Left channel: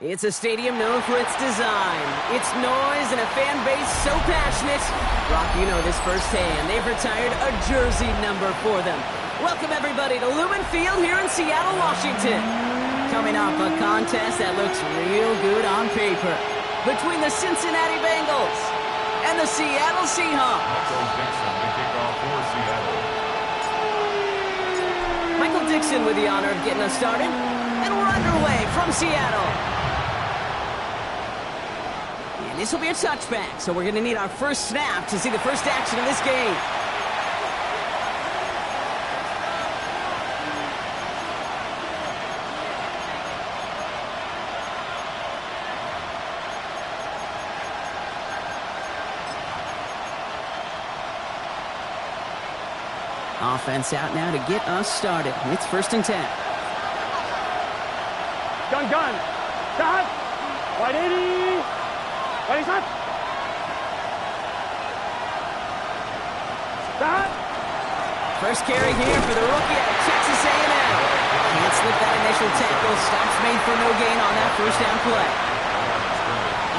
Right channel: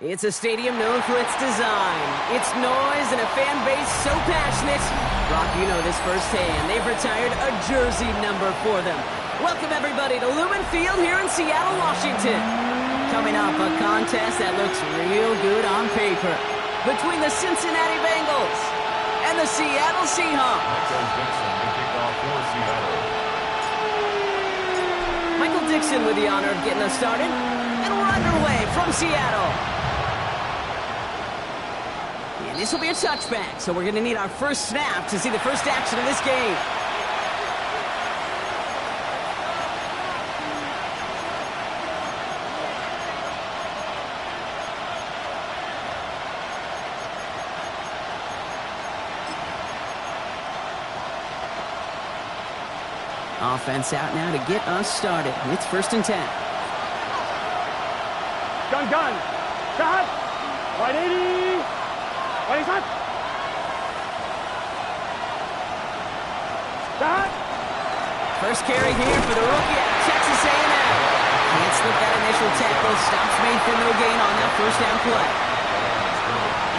It's a stadium known for its design, its noise, and a fan base so passionate. Brock, you know this firsthand. They've retired a jersey number for them. Welcome, everybody, to Lumen Field here in Seattle, Washington. Coming up, a contest that looks real good on paper between the Cincinnati Bengals and the Seattle Seahawks. Michael Dixon to kick off for Seattle. Michael Dixon with the honor of getting us started. And we're underway from Seattle. And this will be a touchback, so we're going to need our first snap to see the first action of this game. Offense out now to get us started. It's 1st and 10. Gun. Shot. 180. 180 shot. Shot. First carry here for the rookie out of Texas A&M. Can't slip that initial tackle. Stops made for no gain on that first down play.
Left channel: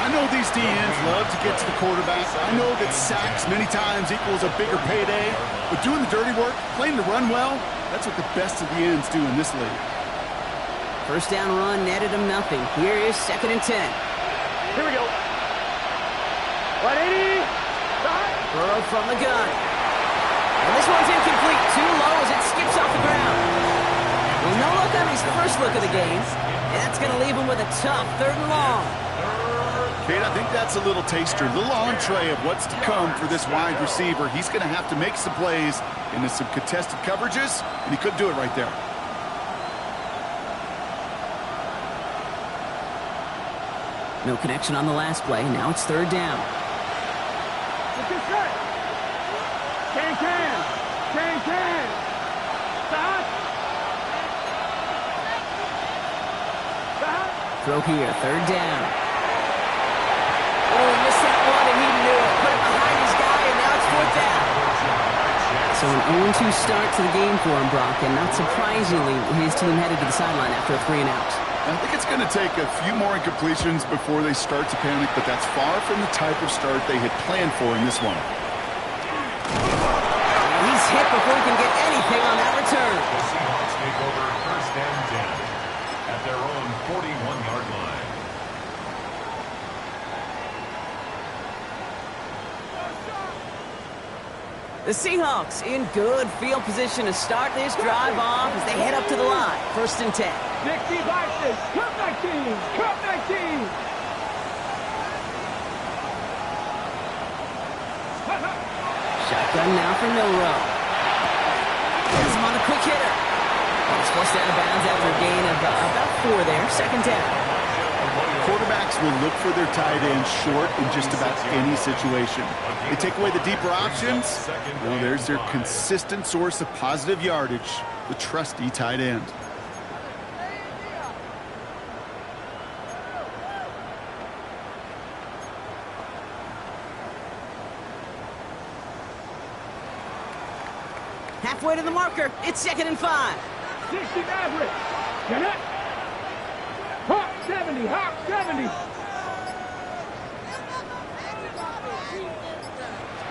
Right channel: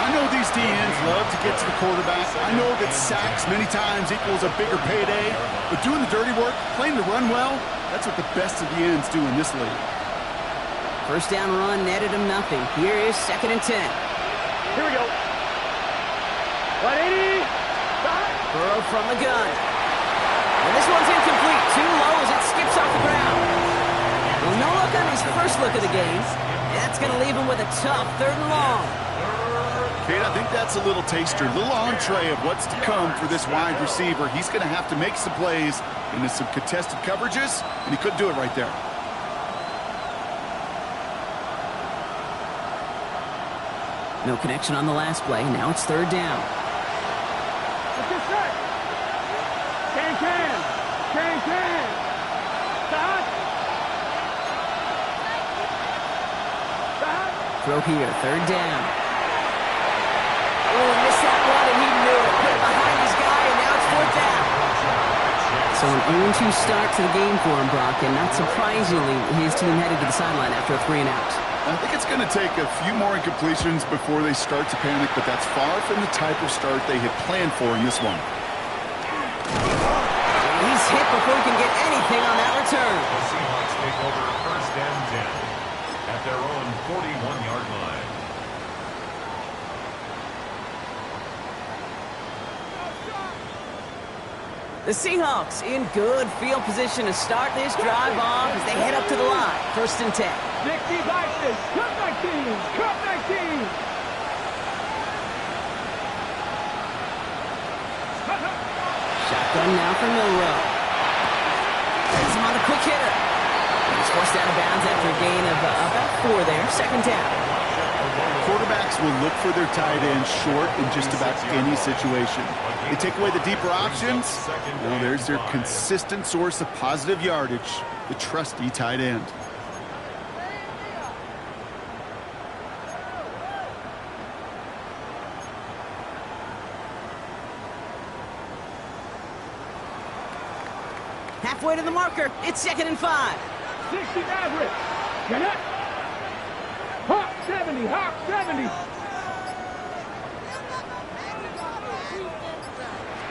I know these DNs love to get to the quarterback. I know that sacks many times equals a bigger payday. But doing the dirty work, playing the run well, that's what the best of the ends do in this league. First down run netted him nothing. Here is 2nd and 10. Here we go. 180. Burrow from the gun. And this one's incomplete. Too low as it skips off the ground. Well, no look on his first look of the game. That's going to leave him with a tough 3rd and long. Kate, I think that's a little taster, a little entree of what's to come for this wide receiver. He's going to have to make some plays into some contested coverages, and he couldn't do it right there. No connection on the last play. Now it's 3rd down. Let's get set. Can. Stop. Throw here, 3rd down. Oh, he missed that one, and he knew it. Put it behind his guy, and now it's 4th down. So an 0-2 start to the game for him, Brock, and not surprisingly, his team headed to the sideline after a 3 and out. I think it's going to take a few more incompletions before they start to panic, but that's far from the type of start they had planned for in this one. He's hit before he can get anything on that return. The Seahawks take over 1st and 10 at their own 41-yard line. The Seahawks in good field position to start this drive off as they head up to the line. 1st and 10. 60 boxes. Cut back team. Shotgun now for Milrow. He's him on the quick hitter. And he's forced out of bounds after a gain of about 4 there. 2nd down. Quarterbacks will look for their tight end short in just about any situation. They take away the deeper options. Well, there's their consistent source of positive yardage, the trusty tight end. Halfway to the marker. It's 2nd and 5. 60 average. Get it. Hawk 70.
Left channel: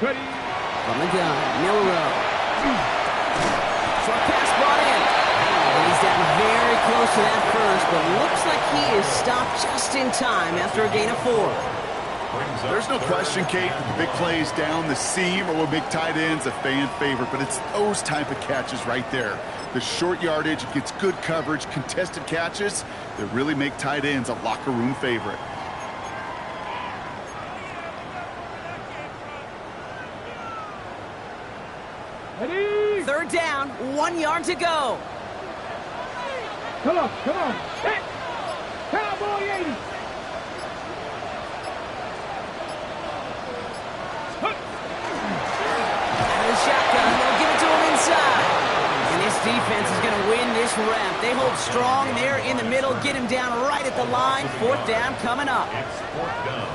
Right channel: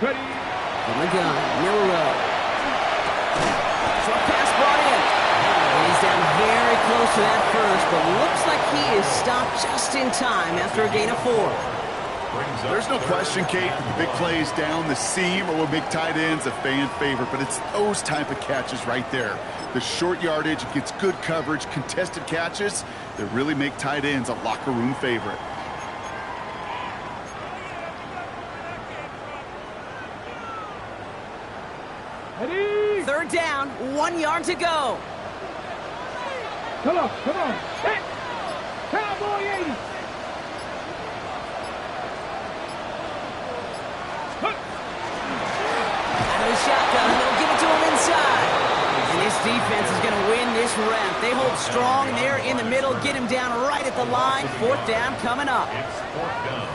Ready. From the gun, Milrow. Short pass brought in. And he's down very close to that first, but looks like he is stopped just in time after a gain of 4. There's no question, Kate, the big plays down the seam or with big tight ends, a fan favorite, but it's those type of catches right there. The short yardage, it gets good coverage, contested catches that really make tight ends a locker room favorite. Ready? 3rd down, 1 yard to go. Come on, come on. Set. Cowboy 80. Out of the shotgun, they'll give it to him inside. And this defense is going to win this rep. They hold strong there in the middle, get him down right at the line. 4th down coming up.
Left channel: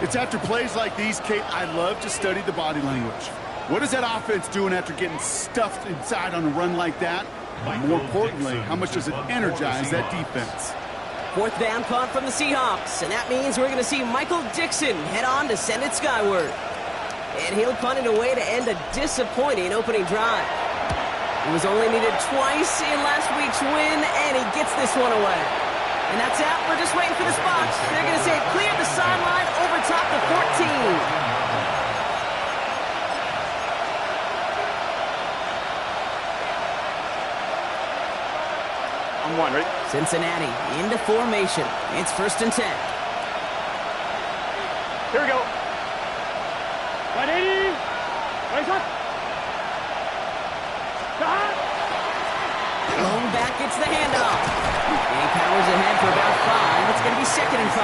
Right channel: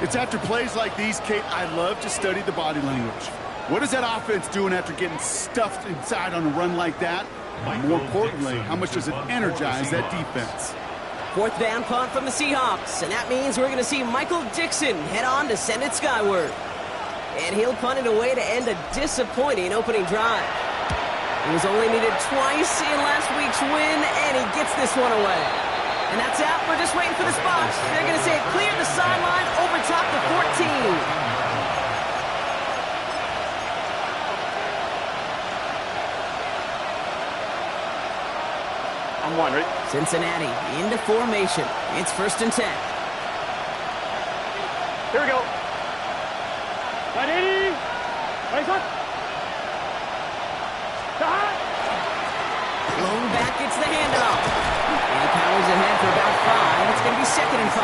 It's after plays like these, Kate, I love to study the body language. What is that offense doing after getting stuffed inside on a run like that? And more importantly, how much does it energize that defense? 4th down punt from the Seahawks, and that means we're going to see Michael Dixon head on to send it skyward. And he'll punt it away to end a disappointing opening drive. He was only needed twice in last week's win, and he gets this one away. And that's out. We're just waiting for the spots. They're going to say clear the sideline over top the 14. I'm 1, ready? Cincinnati into formation. It's 1st and 10. Here we go. 180. Raise up. Stop. Blown back gets the handoff. And he powers ahead for about 5. It's going to be 2nd and 5.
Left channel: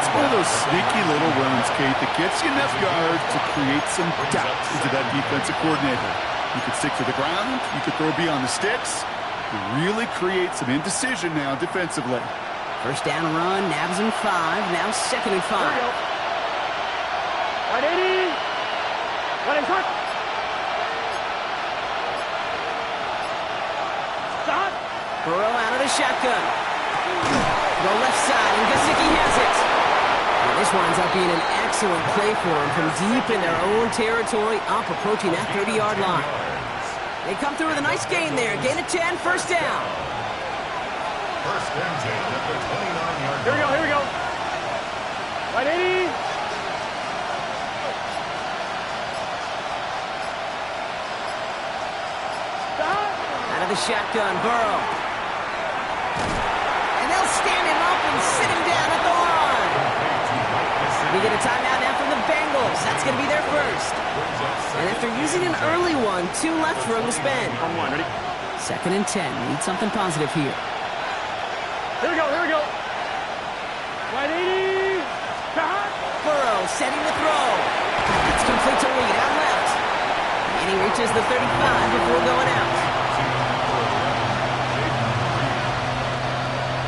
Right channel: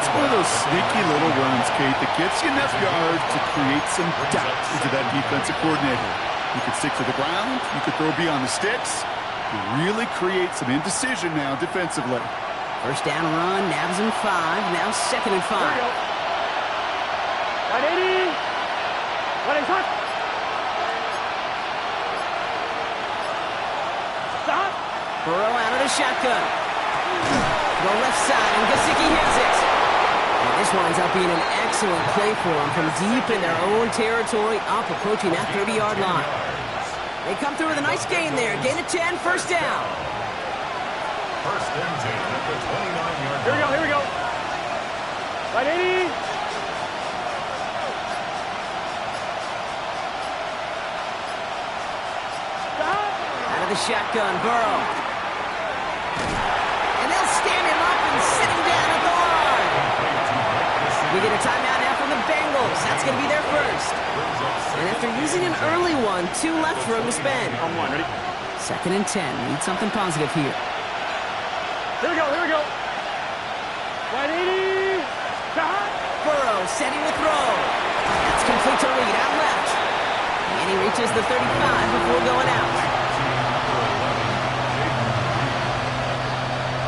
It's one of those sneaky little runs, Kate, that gets you enough yards to create some doubt into that defensive coordinator. You could stick to the ground. You could throw beyond the sticks. You really create some indecision now defensively. 1st down run, nabs him 5. Now 2nd and 5. Here we go. 180. Running hot. Stop. Burrow out of the shotgun. Go left side, and Gesicki has it. And this winds up being an excellent play for him from deep in their own territory, up approaching that 30-yard line. They come through with a nice gain there. Gain of 10, 1st down. 1st and 10 at the 29-yard line. Here we go, here we go. 180. Stop. Out of the shotgun, Burrow. And they'll stand him up and sit him down at the line. We get a timeout now from the Bengals. That's going to be their first. And after using an early one, 2 left for him to spend. I'm 1, ready? 2nd and 10. Need something positive here. Here we go, here we go. 180. Stop. Burrow setting the throw. That's complete to Reed out left. And he reaches the 35 before going out.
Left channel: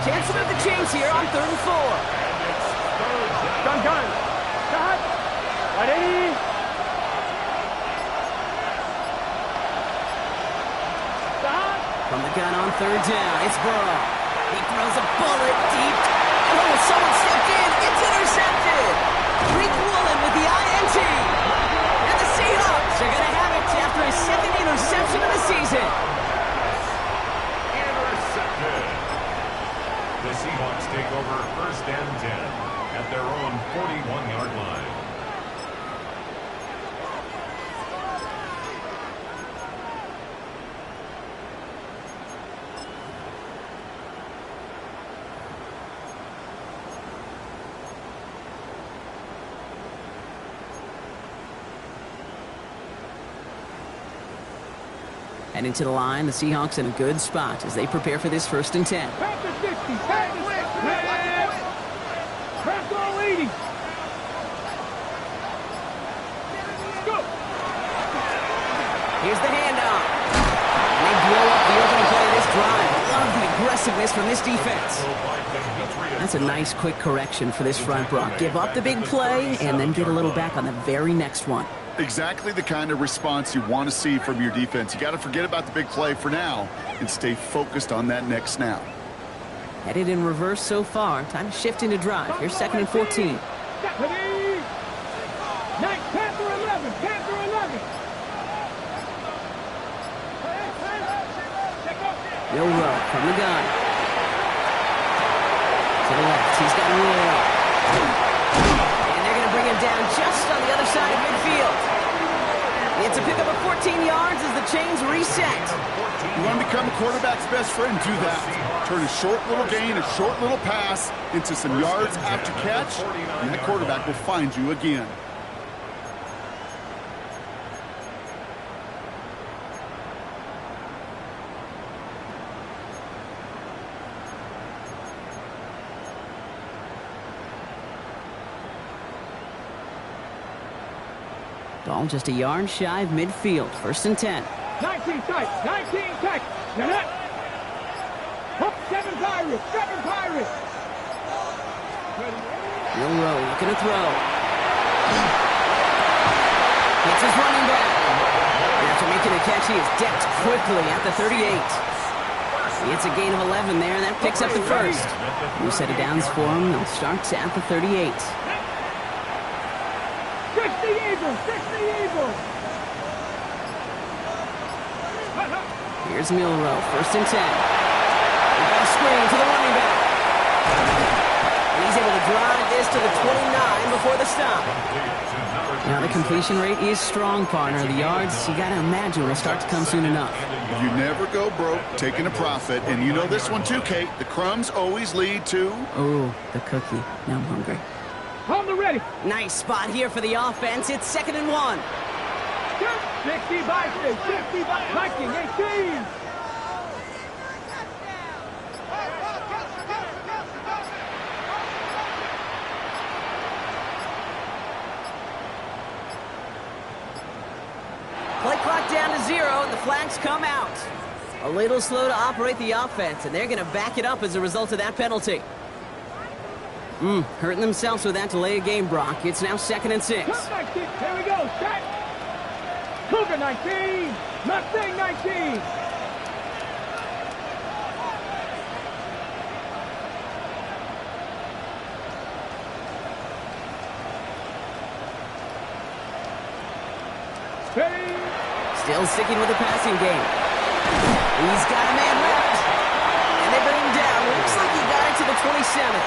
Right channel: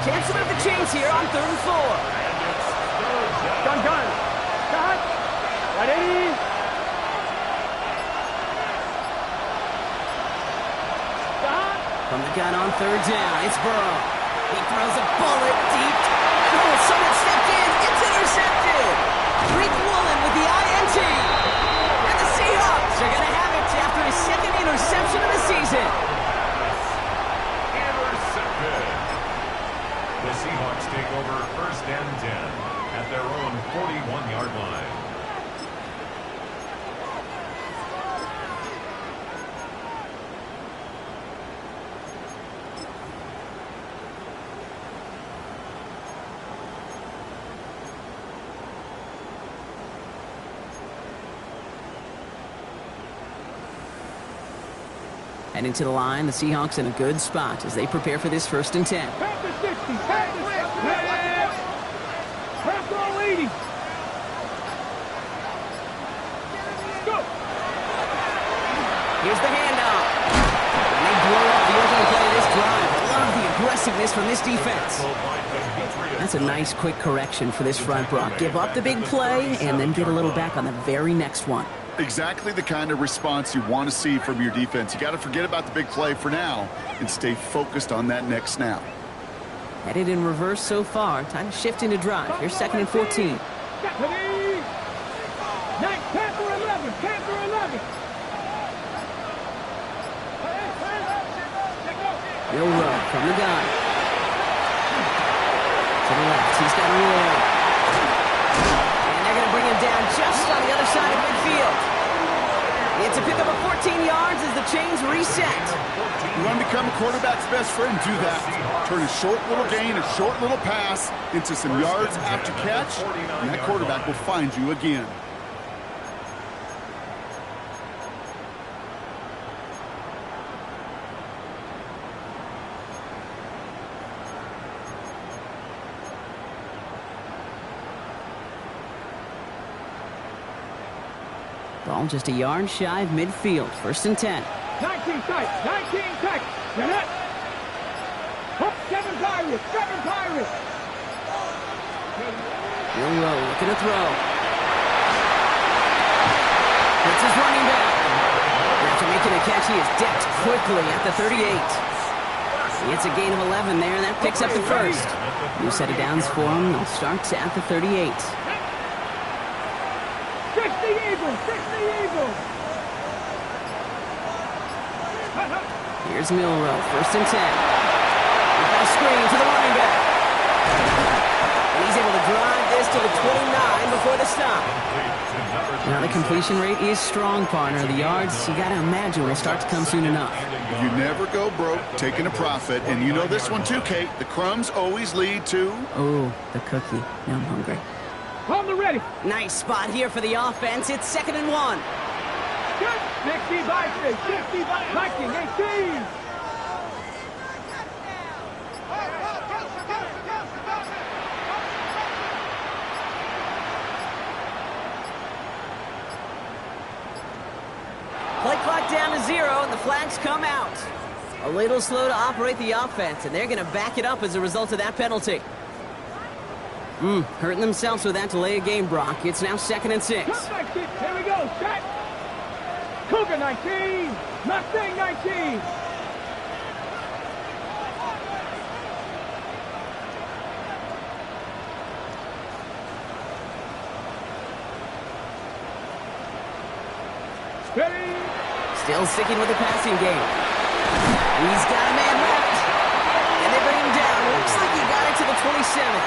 Chance to move the chains here on 3rd and 4. Gun. Stop. 180. Stop. From the gun on 3rd down, it's Burrow. He throws a bullet deep. Oh, someone stepped in. It's intercepted. Greek Woolen with the INT. And the Seahawks are going to have it after his 2nd interception of the season. Intercepted. The Seahawks take over 1st and 10 at their own 41-yard line. Heading to the line, the Seahawks in a good spot as they prepare for this 1st and 10. Back to 60. Back to 60. Back to 80. Go. Here's the handoff. And they blow up the opening play of this drive. I love the aggressiveness from this defense. That's a nice quick correction for this front, Brock. Give up the big play and then get a little back on the very next one. Exactly the kind of response you want to see from your defense. You got to forget about the big play for now and stay focused on that next snap. Headed in reverse so far. Time to shift into drive. Here's 2nd and 14. Panther 11. Panther 11. Milrow from the gun. To the left, he's got Arroyo. And they're going to bring him down just on the other side of midfield. It's a pickup of 14 yards as the chains reset. You want to become a quarterback's best friend, do that. Turn a short little gain, a short little pass into some yards after catch, and that quarterback will find you again. Ball just a yard shy of midfield. 1st and 10. 19 tight. 19 tight. You're not. Hook, 7 Pirates. 7 Pirates. Milrow looking to throw. It's his running back. After making a catch, he is decked quickly at the 38. It's a gain of 11 there, and that picks up the first. New set of downs for him. They'll start at the 38. 60 Eagles. 60 Eagles. Here's Milrow. 1st and 10. We've got a screen to the running back. And he's able to drive this to the 29 before the stop. Now the completion rate is strong, partner. The yards, you got to imagine, will start to come soon enough. You never go broke taking a profit, and you know this one too, Kate. The crumbs always lead to... Oh, the cookie. Now I'm hungry. On the ready. Nice spot here for the offense. It's 2nd and 1. 60 Vikings. 60 Vikings. 18. Play clock down to 0, and the flags come out. A little slow to operate the offense, and they're going to back it up as a result of that penalty. Hurting themselves with that delay of game, Brock. It's now 2nd and 6. Here we go. Set. Cougar 19. Mustang 19. Ready. Still sticking with the passing game. He's got a man left. And they bring him down. Looks like he got it to the 27.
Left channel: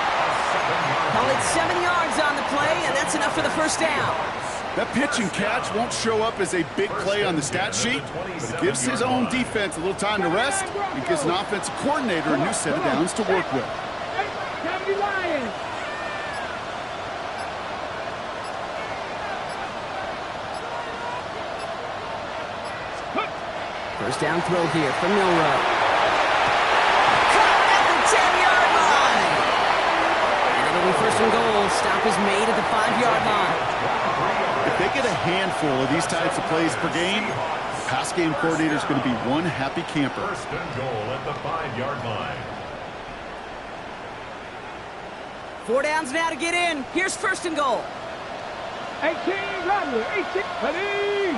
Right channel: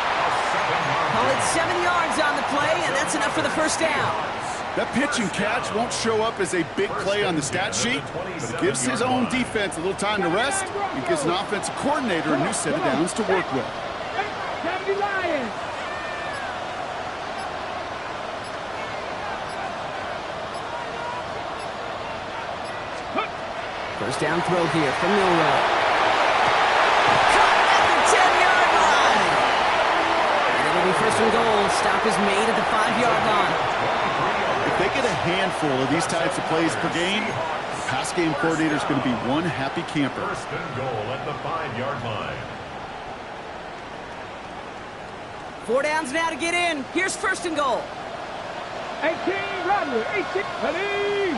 Call it 7 yards on the play, and that's enough for the first down. That pitch and catch won't show up as a big play on the stat sheet, but it gives his own defense a little time to rest and gives an offensive coordinator a new set of downs to work with. 70 Lions. First down throw here from Milrow. Caught at the 10-yard line. And it'll be 1st and goal. Stop is made at the 5-yard line. If they get a handful of these types of plays per game, the pass game coordinator is going to be one happy camper. 1st and goal at the 5-yard line. 4 downs now to get in. Here's 1st and goal. 18 Rodley. 18. Ready.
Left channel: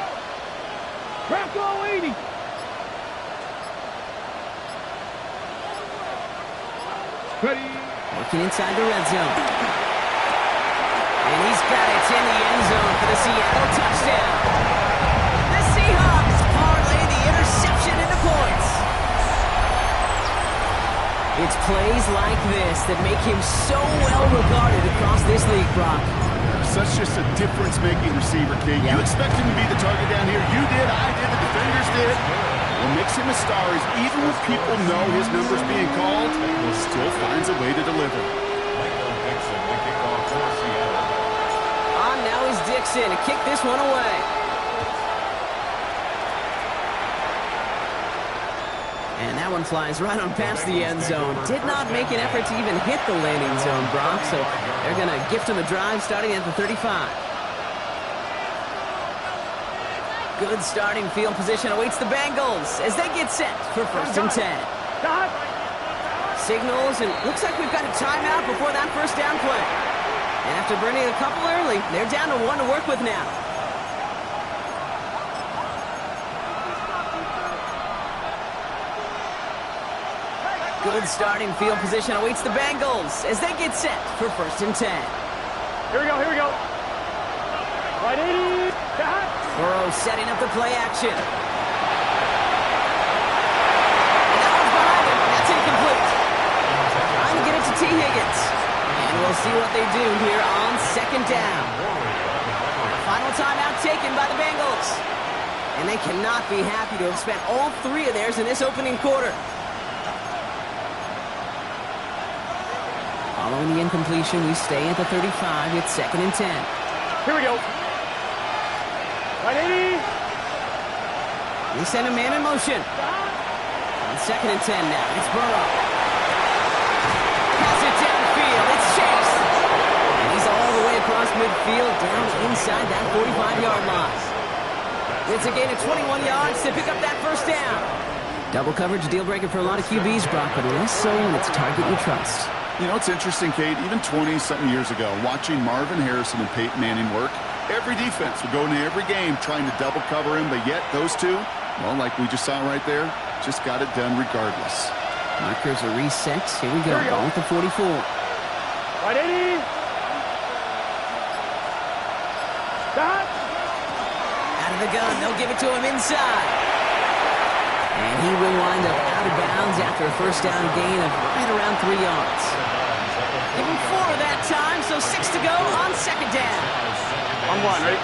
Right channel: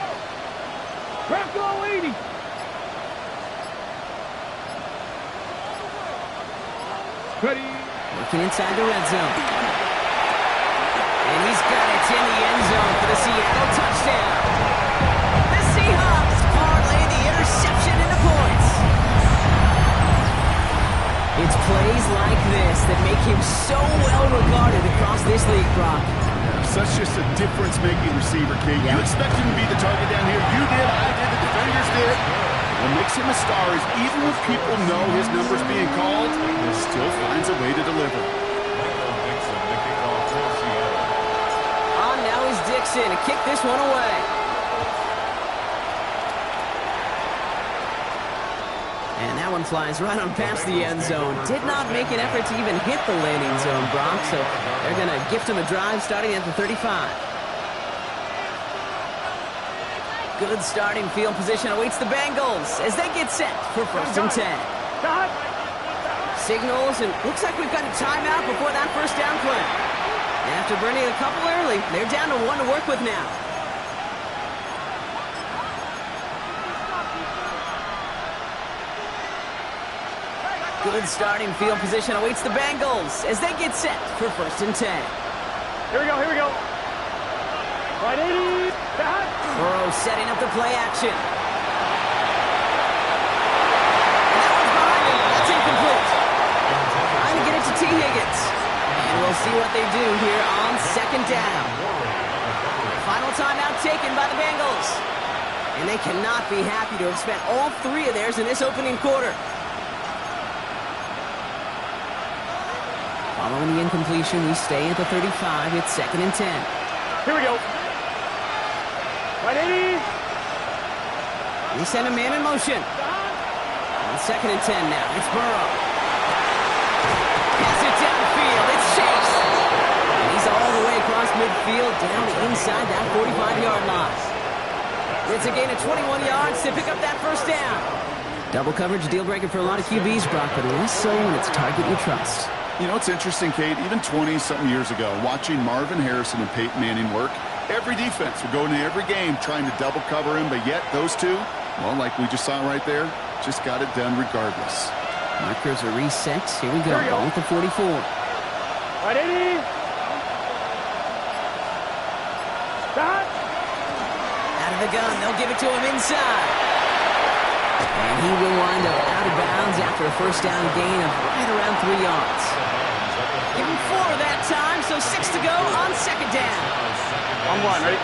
Bronco 80. Ready. Working inside the red zone. And he's got it in the end zone for the Seattle touchdown. The Seahawks parlay the interception into points. It's plays like this that make him so well regarded across this league, Brock. Such just a difference-making receiver, Kate. Yeah. You expect him to be the target down here. You did, I did, the defenders did. What makes him a star is even when people know his number's being called, he still finds a way to deliver. Michael Dixon, the kickoff for Seattle. On now is Dixon to kick this one away. And that one flies right on past the end zone. Did not make an effort to even hit the landing zone, Brock, so they're going to gift him a drive starting at the 35. Good starting field position awaits the Bengals as they get set for 1st and 10. Signals, and looks like we've got a timeout before that 1st down play. And after burning a couple early, they're down to 1 to work with now. Good starting field position awaits the Bengals as they get set for 1st and 10. Here we go. Here we go. Right 80. Burrow setting up the play action. And that one's behind T. Higgins. And we'll see what they do here on second down. Final timeout taken by the Bengals. And they cannot be happy to have spent all three of theirs in this opening quarter. Following the incompletion, we stay at the 35. It's 2nd and 10. Here we go. 180. They send a man in motion. On 2nd and 10 now. It's Burrow. Pass it downfield. It's Chase. And he's all the way across midfield down inside that 45-yard line. It's a gain of 21 yards to pick up that first down. Double coverage deal breaker for a lot of QBs, Brock, but less so when it's a target you trust. You know, it's interesting, Kate, even 20-something years ago, watching Marvin Harrison and Peyton Manning work, every defense would go into every game trying to double cover him, but yet those two, well, like we just saw right there, just got it done regardless. Markers are reset. Here we go. Ball at the 44. 180. Stop. Out of the gun. They'll give it to him inside. And he will wind up out of bounds after a first down gain of right around 3 yards. Give him 4 that time, so 6 to go on second down. On 1, ready?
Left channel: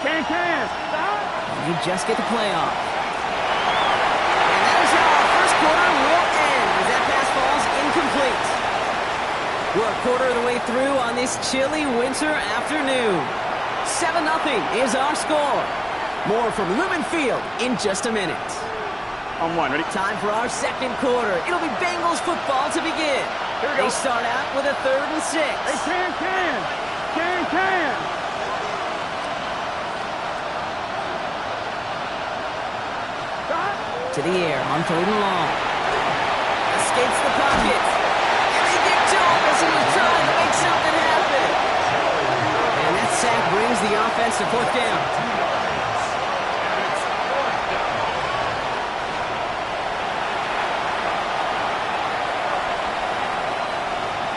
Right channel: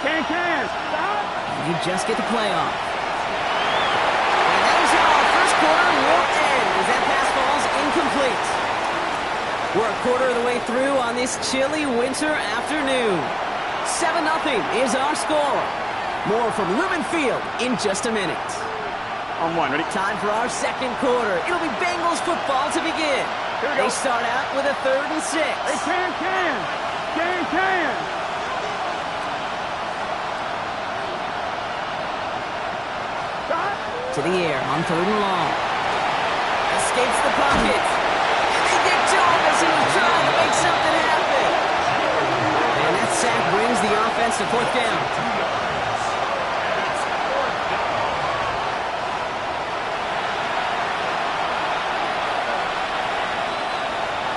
Can. Stop. And they just get the play off. And that is how our first quarter will end as that pass falls incomplete. We're a quarter of the way through on this chilly winter afternoon. 7-0 is our score. More from Lumen Field in just a minute. On 1, ready? Time for our second quarter. It'll be Bengals football to begin. Here we go. They start out with a 3rd and 6. Hey, can. Stop. To the air on 3rd and long. Escapes the pocket. And they get to him as he was trying to make something happen. And that sack brings the offense to 4th down.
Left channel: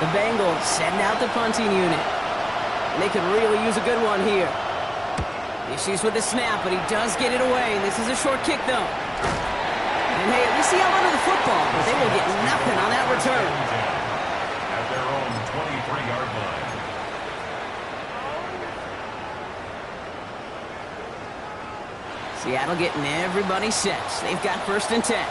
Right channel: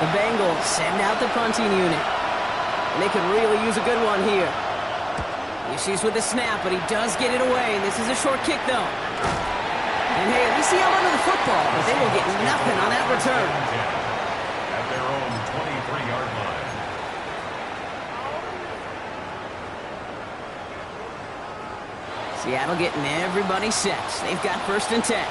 The Bengals send out the punting unit. And they could really use a good one here. Issues with the snap, but he does get it away. And this is a short kick, though. And hey, at least he held onto the football, but they will get nothing on that return. At their own 23-yard line. Seattle getting everybody set. They've got 1st and 10.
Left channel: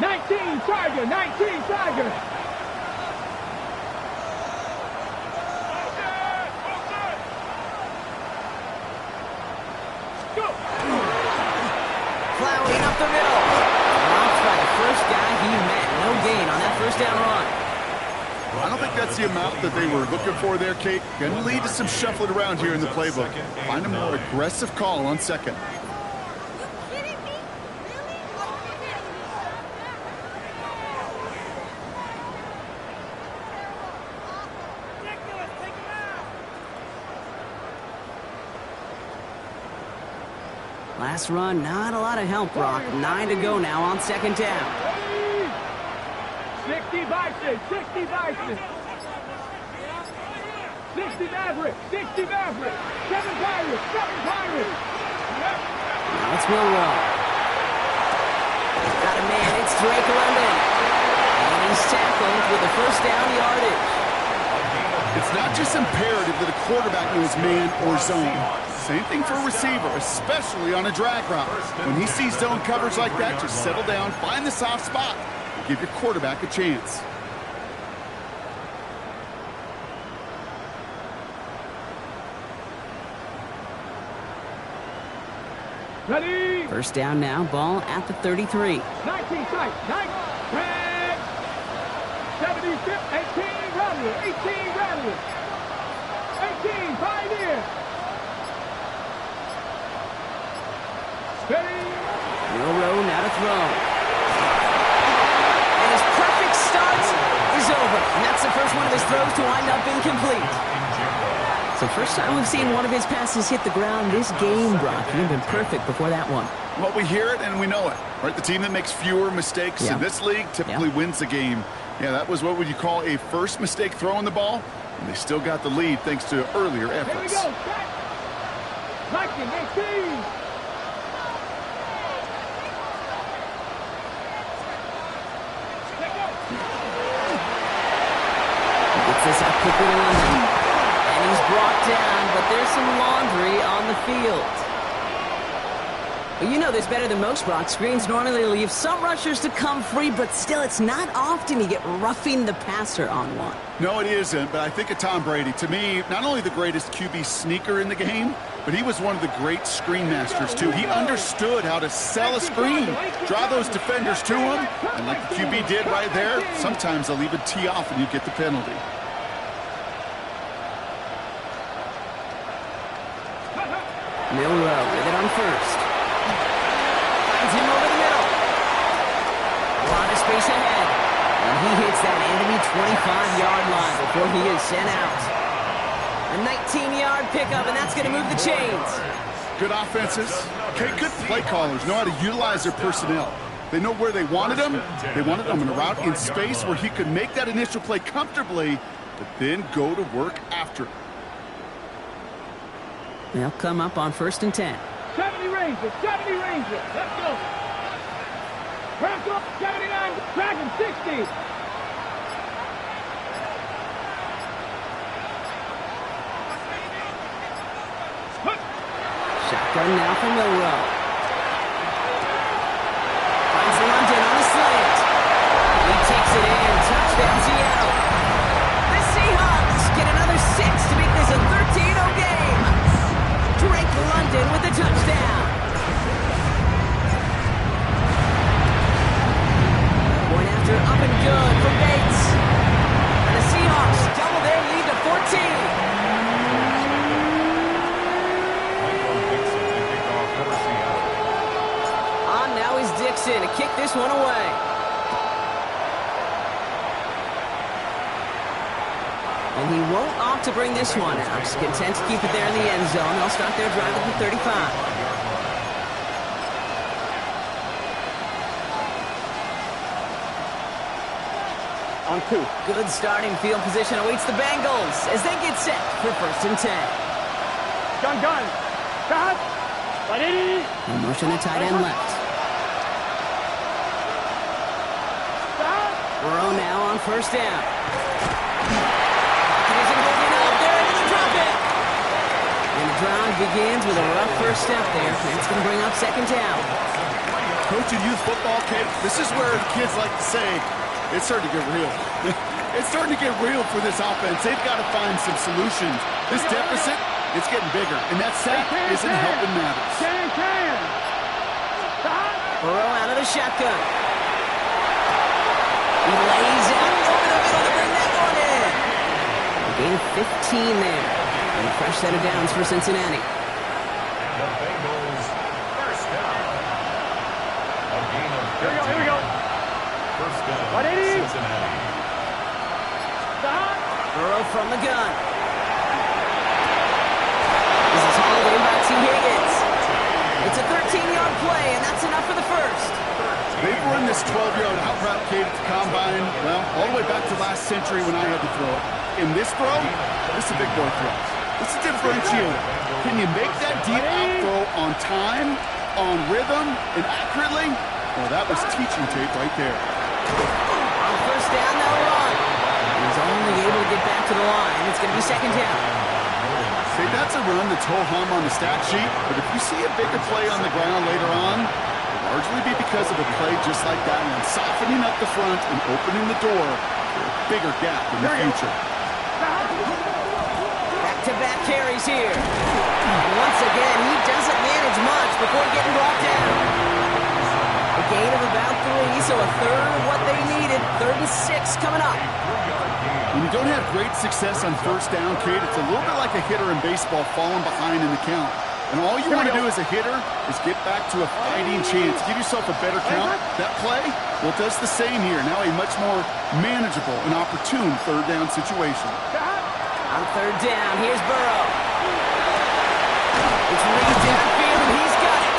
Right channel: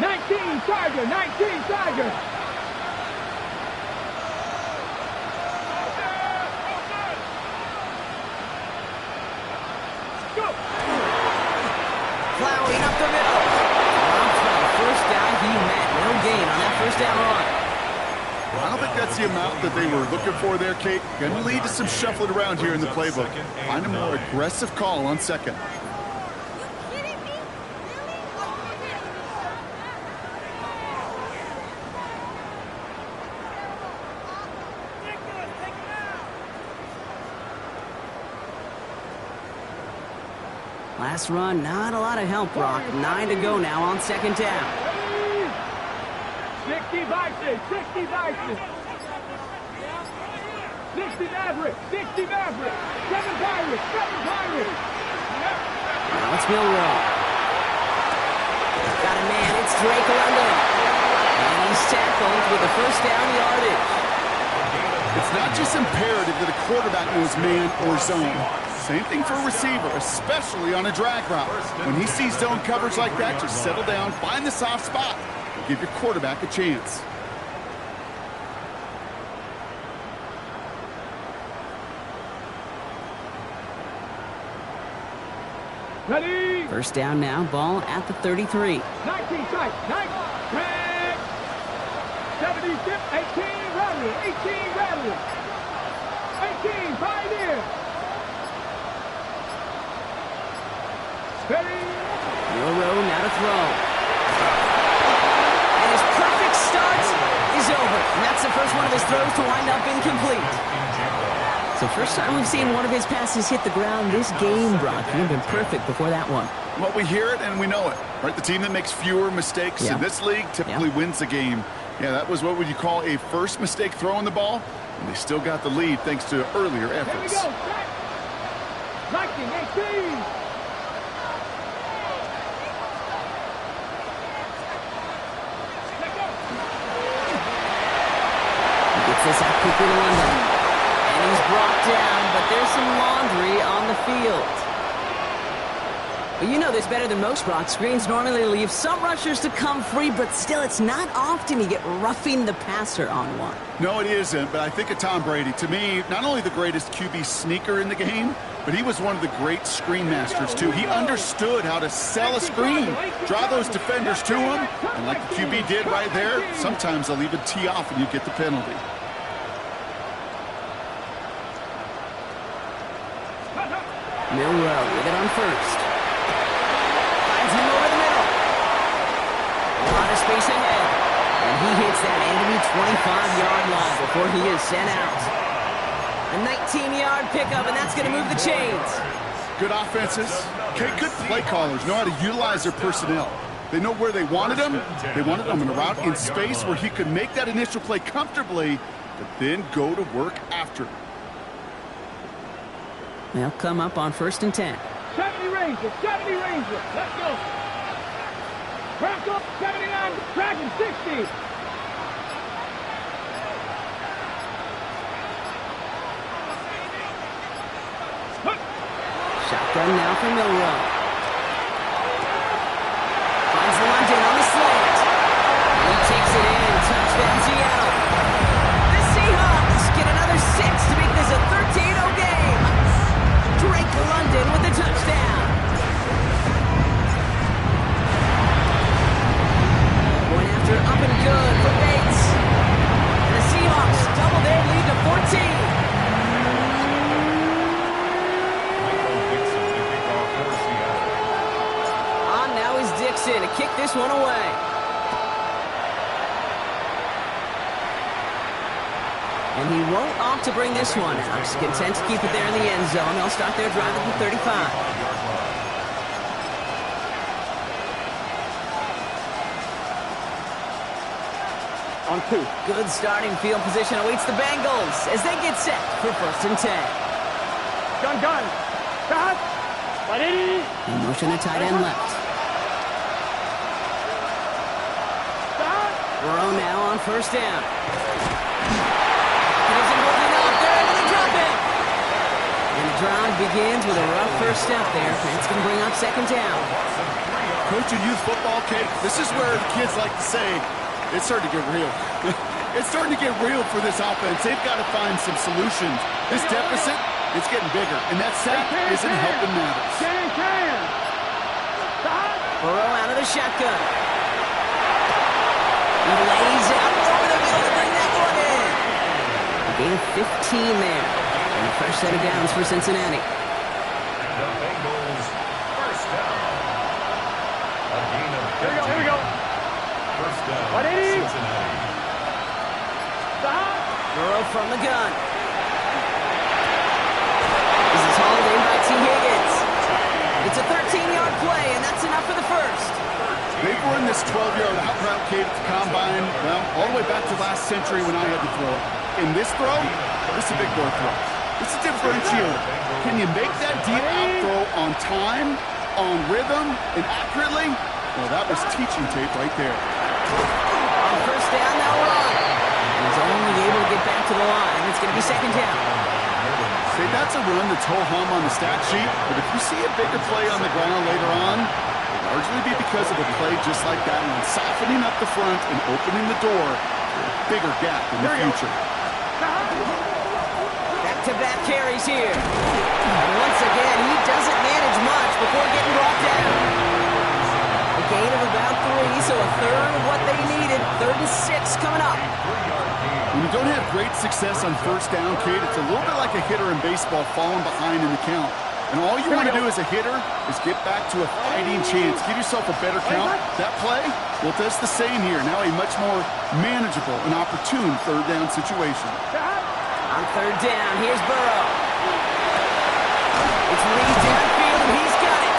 19 Tiger. Go. Plowing up the middle. Dropped by the first guy he met. No gain on that first down run. I don't think that's the amount that they were looking for there, Kate. Going to lead to some shuffling around here in the playbook. Find a more aggressive call on 2nd. Last run, not a lot of help, Brock. 9 to go now on 2nd down. 60 Bison. 60 Maverick. 7 Pirates. Now it's Milrow. Got a man, it's Drake London. And he's tackled with the first down yardage. It's not just imperative that a quarterback knows man or zone. Same thing for a receiver, especially on a drag route. When he sees zone coverage like that, just settle down, find the soft spot, and give your quarterback a chance. Ready. First down now, ball at the 33. 19 tight. 9. Drag. 70 tip. 18 Rattler. 18 Pioneer. Steady. Milrow now to throw. And his perfect start is over. And that's the first one of his throws to wind up incomplete. So first time we've seen one of his passes hit the ground this game, Brock. He'd been perfect before that one. Well, we hear it and we know it, right? The team that makes fewer mistakes in this league typically wins the game. Yeah, that was what would you call a first mistake throwing the ball, and they still got the lead thanks to earlier efforts. Here we go. 1918. Gets this out quickly to London. And he's brought down, but there's some laundry on the field. Well, you know this better than most, Brock. Screens normally leave some rushers to come free, but still, it's not often you get roughing the passer on one. No, it isn't, but I think of Tom Brady. To me, not only the greatest QB sneaker in the game, but he was one of the great screen masters, too. He understood how to sell a screen, draw those defenders to him, and like the QB did right there, sometimes they'll even tee off and you get the penalty. Milrow with it on first. Finds him over the middle. A lot of space ahead. And he hits that enemy 25-yard line before he is sent out. A 19-yard pickup, and that's going to move the chains. Good offenses. Okay, good play callers know how to utilize their personnel. They know where they wanted them. They wanted them in a route in space where he could make that initial play comfortably, but then go to work after. They'll come up on 1st and 10. 70 Rangers, 70 Rangers. Let's go. Bronco, 79, Dragon, 60. Shotgun now for Milrow. Finds London on the slant. He takes it in. Touchdown, Seattle. The Seahawks get another 6 to make this a 13-0 game. Drake London with the touchdown. Point after up and good for Bates. And the Seahawks double their lead to 14. Now is Dixon to kick this one away. And he won't opt to bring this one out. He's content to keep it there in the end zone. They'll start their drive at the 35. On 2. Good starting field position awaits the Bengals as they get set for 1st and 10. Gun. Stop. In motion to tight end left. Burrow now on 1st down. Pocket isn't holding up. They're into the drop it. And the drive begins with a rough first step there. That's going to bring up 2nd down. Coaching youth football, Kate, this is where the kids like to say, it's starting to get real. It's starting to get real for this offense. They've got to find some solutions. This deficit, it's getting bigger. And that sack isn't helping matters. Burrow out of the shotgun. He lays out over the middle to bring that one in. A gain of 15 there. And a fresh set of downs for Cincinnati. And the Bengals, 1st down. A gain of 15. Here we go. 1st down, 180. Cincinnati. Stop. Burrow from the gun. This is hauled in by T. Higgins. It's a 13-yard play, and that's enough for the first. They've run this 12-yard out route, Kate, at the combine, well, all the way back to last century when I had to throw it. In this throw, this is a big boy throw. This is a differentiator. Can you make that deep out throw on time, on rhythm, and accurately? Well, that was teaching tape right there. On 1st down, they'll run. And he's only able to get back to the line. It's going to be 2nd down. Say, that's a run that's ho-hum on the stat sheet, but if you see a bigger play on the ground later on, it'll largely be because of a play just like that one, softening up the front and opening the door for a bigger gap in the future. Back-to-back carries here. And once again, he doesn't manage much before getting brought down. A gain of about 3, so a third of what they needed. 3rd and 6 coming up. When you don't have great success on 1st down, Kate, it's a little bit like a hitter in baseball falling behind in the count. And all you want to do as a hitter is get back to a fighting chance. Give yourself a better count. That play, well, it does the same here. Now a much more manageable and opportune 3rd down situation. On 3rd down, here's Burrow. It's Reed downfield, and he's got it.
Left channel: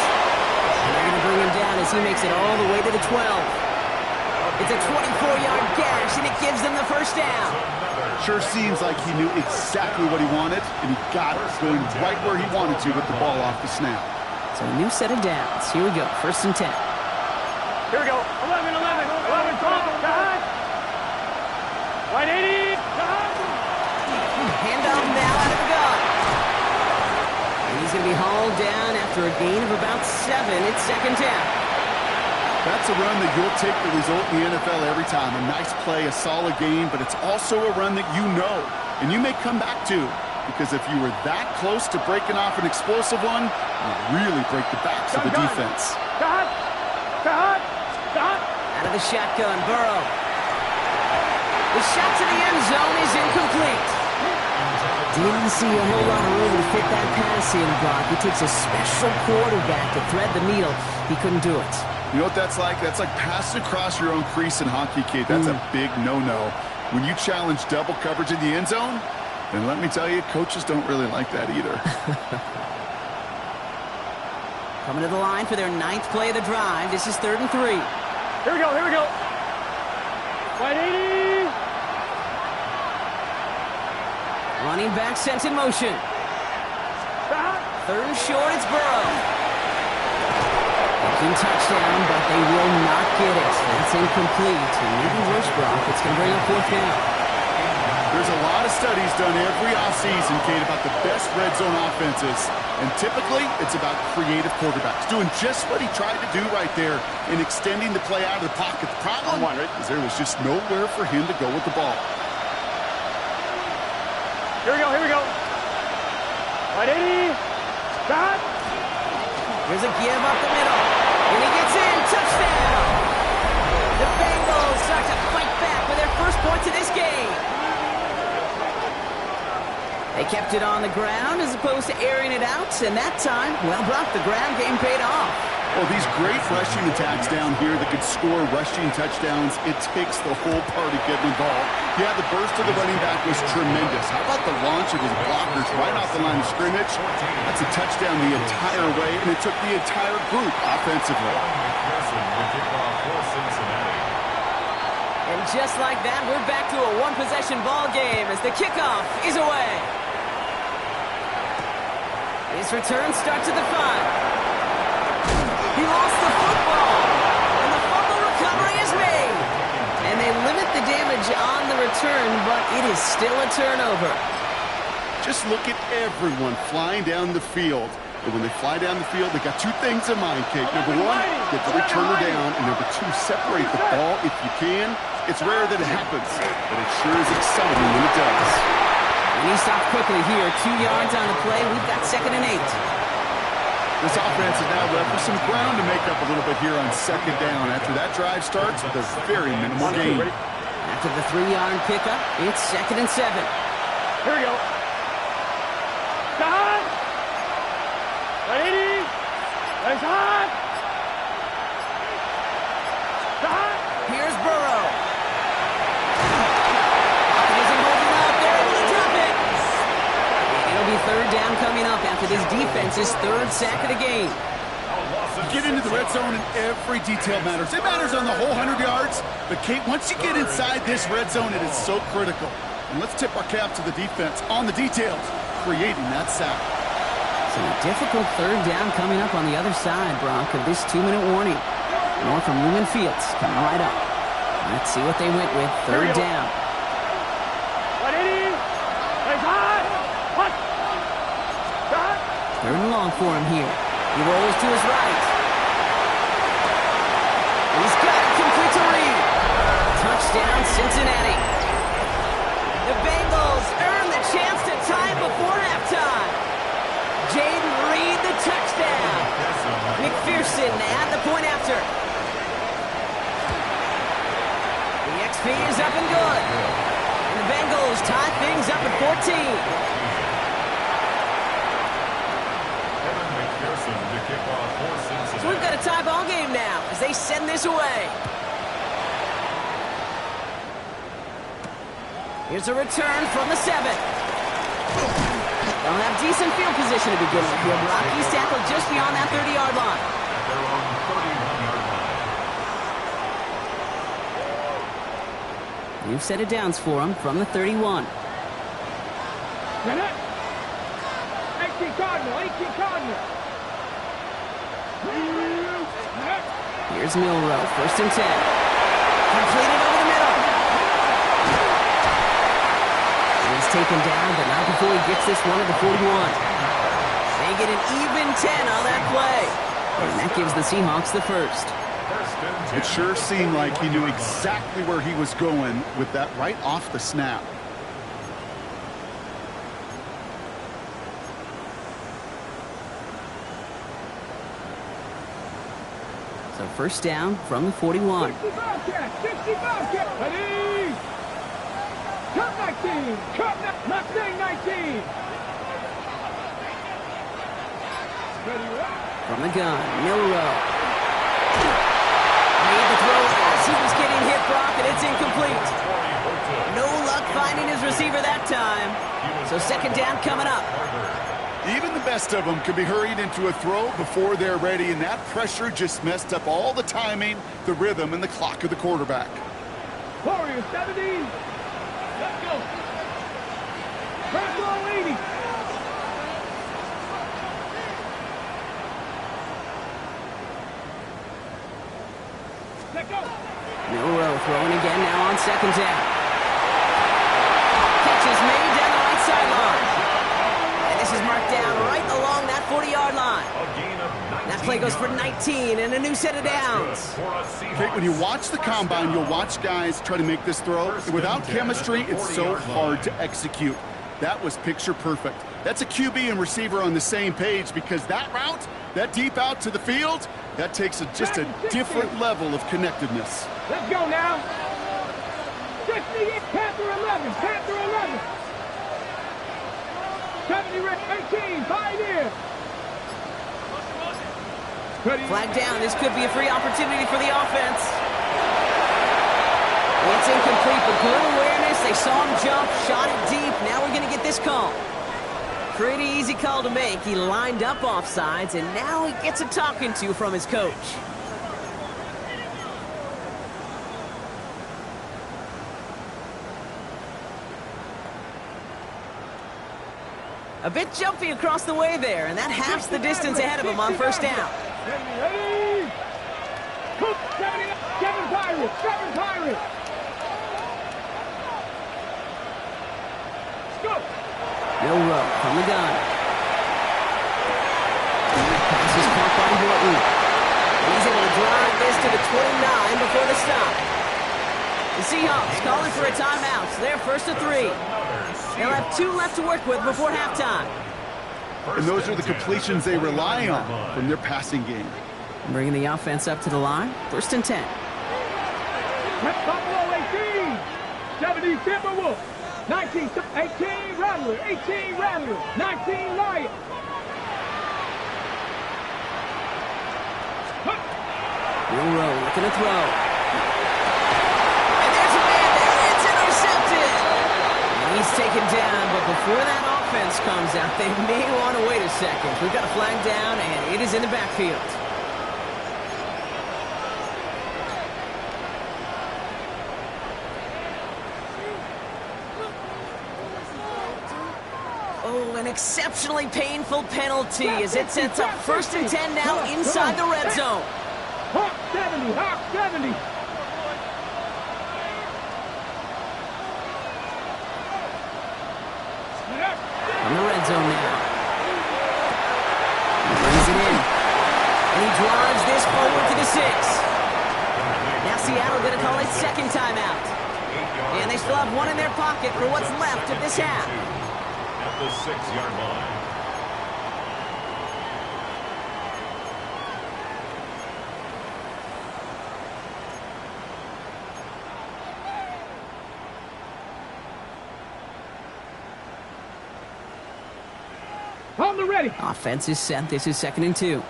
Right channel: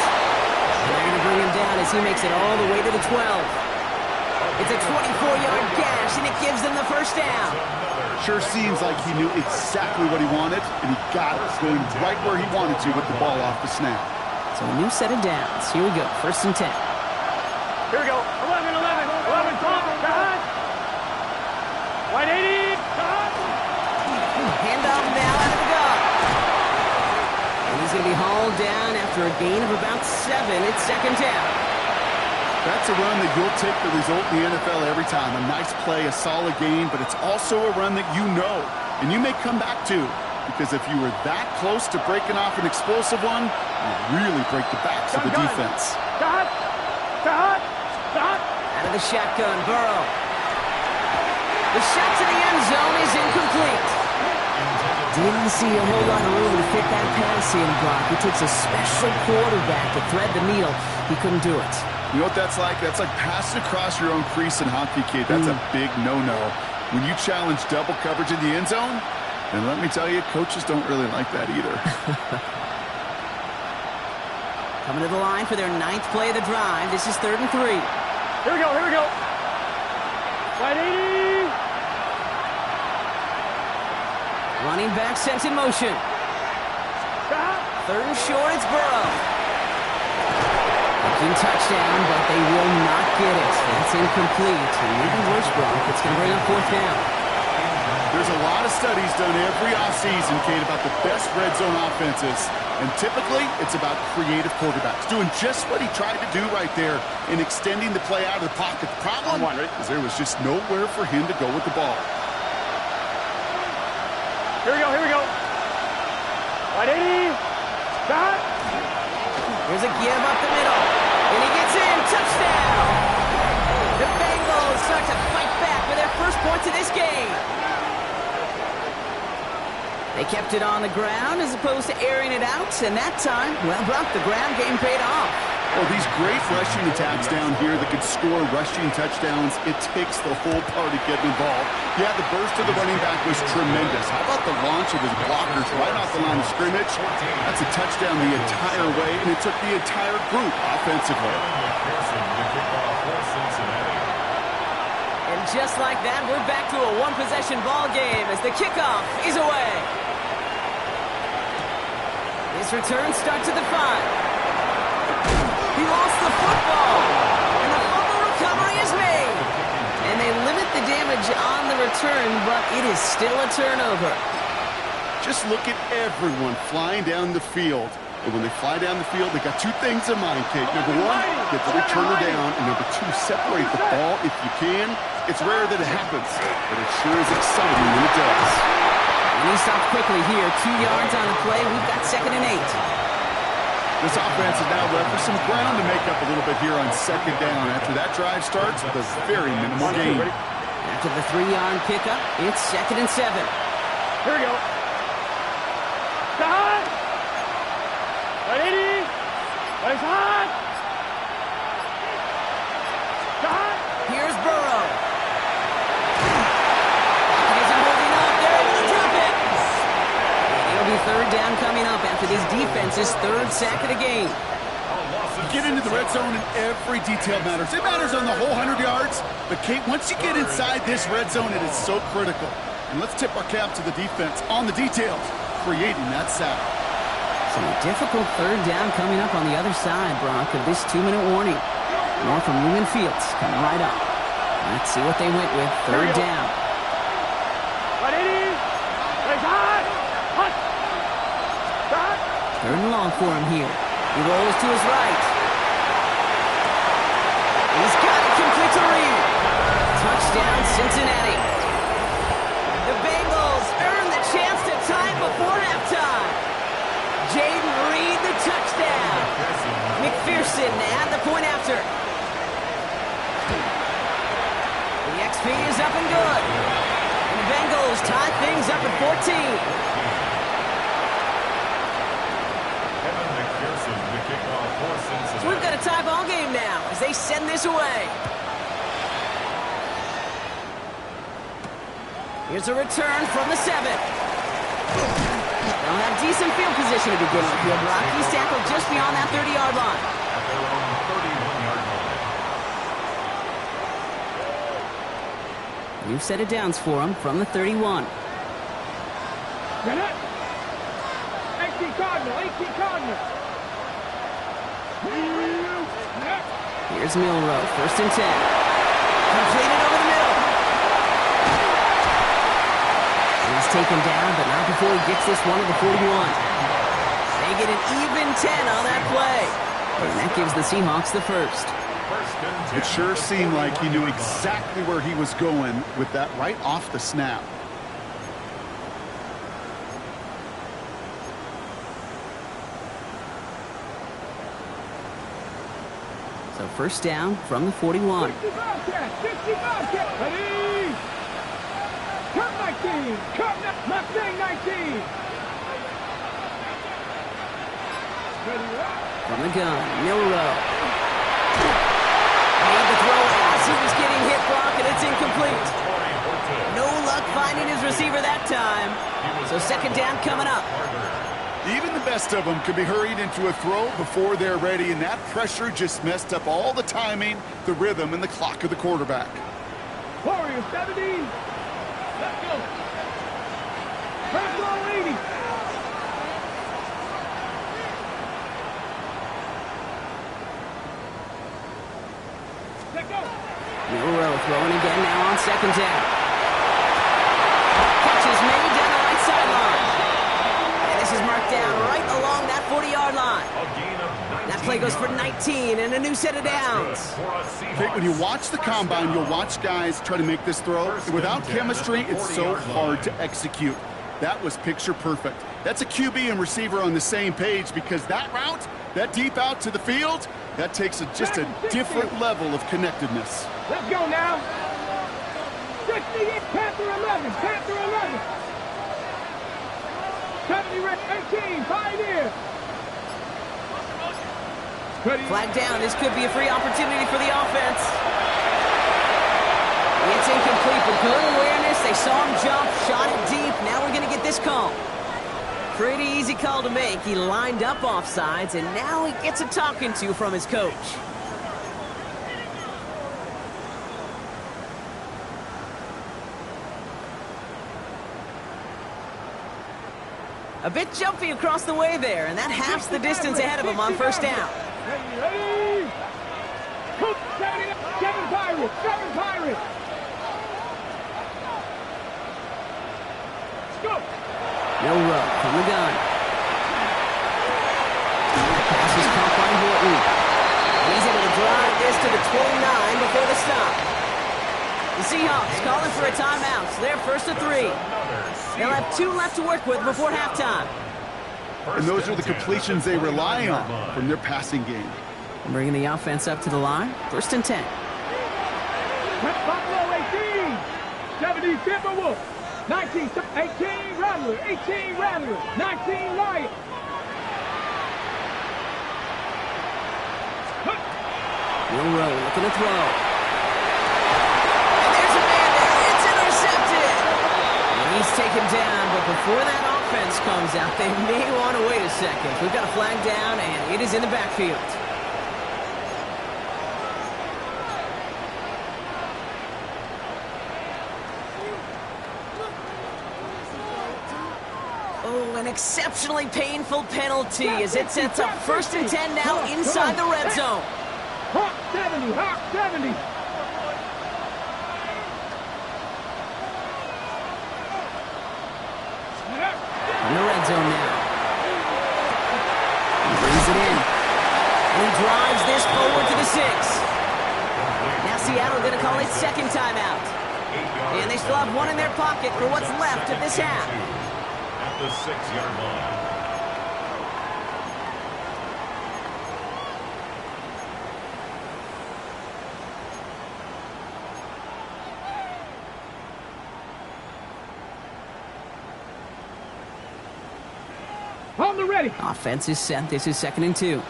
And they're going to bring him down as he makes it all the way to the 12. It's a 24-yard gash, and it gives them the first down. Sure seems like he knew exactly what he wanted, and he got it, going right where he wanted to with the ball off the snap. So a new set of downs. Here we go, 1st and 10. Here we go. 11, pump, God. Wide 80, God. Handoff now out of the gun. And he's going to be hauled down after a gain of about 7. It's 2nd down. That's a run that you'll take the result in the NFL every time. A nice play, a solid game, but it's also a run that you know, and you may come back to, because if you were that close to breaking off an explosive one, you really break the backs of the defense. Stop. Out of the shotgun, Burrow. The shot to the end zone is incomplete. Didn't see a whole lot of room to fit that pass in, Brock. It takes a special quarterback to thread the needle. He couldn't do it. You know what that's like? That's like passing across your own crease in hockey, kid. That's a big no-no. When you challenge double coverage in the end zone, then let me tell you, coaches don't really like that either. Coming to the line for their 9th play of the drive. This is 3rd and 3. Here we go. Wide 80. Running back sent in motion. Stop. 3rd and short, it's Burrow. Looking touchdown, but they will not get it. That's incomplete. And maybe worse, Brock. It's going to bring up 4th down. There's a lot of studies done every offseason, Kate, about the best red zone offenses. And typically, it's about creative quarterbacks doing just what he tried to do right there in extending the play out of the pocket. The problem is there was just nowhere for him to go with the ball. Here we go. Wide 80. Stop. Here's a give up the middle. And he gets in. Touchdown. The Bengals start to fight back with their first points of this game. They kept it on the ground as opposed to airing it out. And that time, well, Brock, the ground game paid off. Well, these great rushing attacks down here that could score rushing touchdowns, it takes the whole party getting involved. Yeah, the burst of the running back was tremendous. How about the launch of his blockers right off the line of scrimmage? That's a touchdown the entire way, and it took the entire group offensively. And just like that, we're back to a one-possession ball game as the kickoff is away. His return starts at the 5. He lost the football, and the fumble recovery is made. And they limit the damage on the return, but it is still a turnover. Just look at everyone flying down the field. And when they fly down the field, they got 2 things in mind, Kate. Number 1, get the returner down, and number 2, separate the ball if you can. It's rare that it happens, but it sure is exciting when it does. And he stopped quickly here. 2 yards on the play. We've got 2nd and 8. This offense is now left with some ground to make up a little bit here on 2nd down after that drive starts with a very minimal gain. After the 3-yard pickup, it's 2nd and 7. Here we go. Stop. 180. Nice hot. Stop. Here's Burrow. Pocket isn't holding up. They're able to drop it. And it'll be 3rd down coming up after this defense's 3rd sack of the game. You get into the red zone and every detail matters. It matters on the whole 100 yards. But, Kate, once you get inside this red zone, it is so critical. And let's tip our cap to the defense on the details, creating that sack. So a difficult 3rd down coming up on the other side, Brock, of this 2-minute warning. More from Lumen Fields coming right up. Let's see what they went with. 3rd down. 180. Nice hot. Hot. Stop. 3rd and long for him here. He rolls to his right. He's got it complete to Reed. Touchdown, Cincinnati. The Bengals earn the chance to tie before halftime. Jaden Reed, the touchdown. McPherson add the point after. The XP is up and good. And the Bengals tie things up at 14. So we've got a tie ball game now as they send this away. Here's a return from the 7. They'll have decent field position to begin with here. Rocky's tackled just beyond that 30-yard line. At their own 31-yard line. New set of downs for him from the 31. Get it. 18 Cardinal, 18 Cardinal. Here's Milrow, 1st and 10. Completed over the middle. He's taken down, but not before he gets this one at the 41. They get an even 10 on that play. And that gives the Seahawks the first. It sure seemed like he knew exactly where he was going with that right off the snap. So 1st down from the 41. 65 catch, 65 catch. Ready. Cut 19. Cut Mustang 19. Ready, right. From the gun, Milrow. Made the throw as he was getting hit, Brock, and it's incomplete. No luck finding his receiver that time. So 2nd down coming up. Even the best of them can be hurried into a throw before they're ready, and that pressure just messed up all the timing, the rhythm, and the clock of the quarterback. Warriors 70. Let's go. First roll 80. Let's go. Milrow throwing again now on 2nd down. Catch is made down the right sideline. And this is marked down right along that 40-yard line. That play goes for 19 and a new set of downs. Okay, when you watch the combine, you'll watch guys try to make this throw. Without chemistry, it's so hard to execute. That was picture perfect. That's a QB and receiver on the same page, because that route, that deep out to the field, that takes just a different level of connectedness. Let's go now. 68, Panther 11, Panther 11. 70, 18, Pioneer. Flag down. This could be a free opportunity for the offense. It's incomplete, but good awareness. They saw him jump, shot it deep. Now we're going to get this call. Pretty easy call to make. He lined up offsides, and now he gets a talking to from his coach. A bit jumpy across the way there, and that halves the distance ahead of him on 1st down. Ready? 7 Pirates, 7 Pirates. Let's go. Milrow from the gun. Pass is caught by Horton. And he's able to drive this to the 29 before the stop. The Seahawks calling for a timeout. So they're 1st and 3. They'll have 2 left to work with before halftime. And those are the completions they rely on from their passing game. Bringing the offense up to the line. 1st and 10. Buffalo 18. 70 Timberwolves. 19, 18 Rattler, 18 Rattler, 19 Lion. Milrow looking to throw. And there's a man there. It's intercepted. And he's taken down, but before that offense comes out, they may want to wait a second. We've got a flag down, and it is in the backfield. Oh, an exceptionally painful penalty as it sets up 1st and 10 now inside the red zone. Hawk 70, Hawk 70. From the red zone now. He brings it in. And he drives this forward to the 6. Now Seattle going to call a 2nd timeout. And they still have 1 in their pocket for what's left of this half. At the 6-yard line. On the ready. Offense is set. This is 2nd and 2.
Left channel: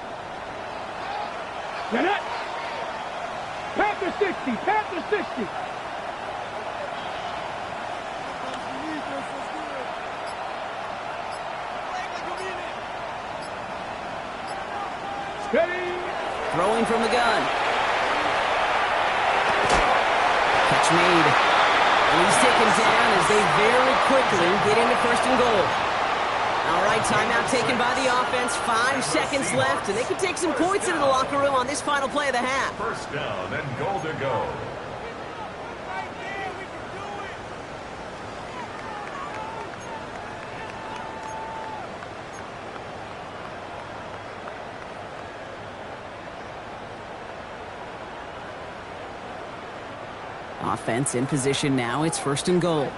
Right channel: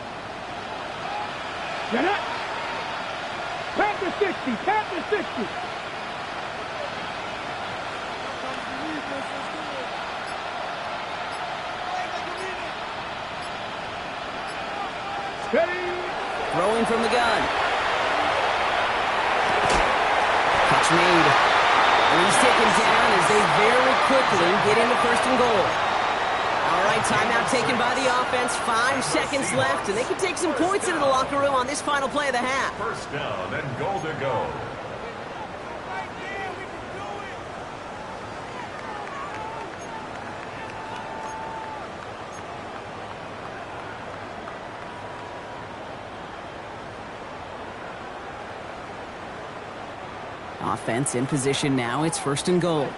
Get it. Panther 60, Panther 60. Ready. Throwing from the gun. Catch made. And he's taken down as they very quickly get into first and goal. All right, timeout taken by the offense. 5 seconds left, and they can take some points into the locker room on this final play of the half. First down and goal to go. Offense in position now. It's first and goal.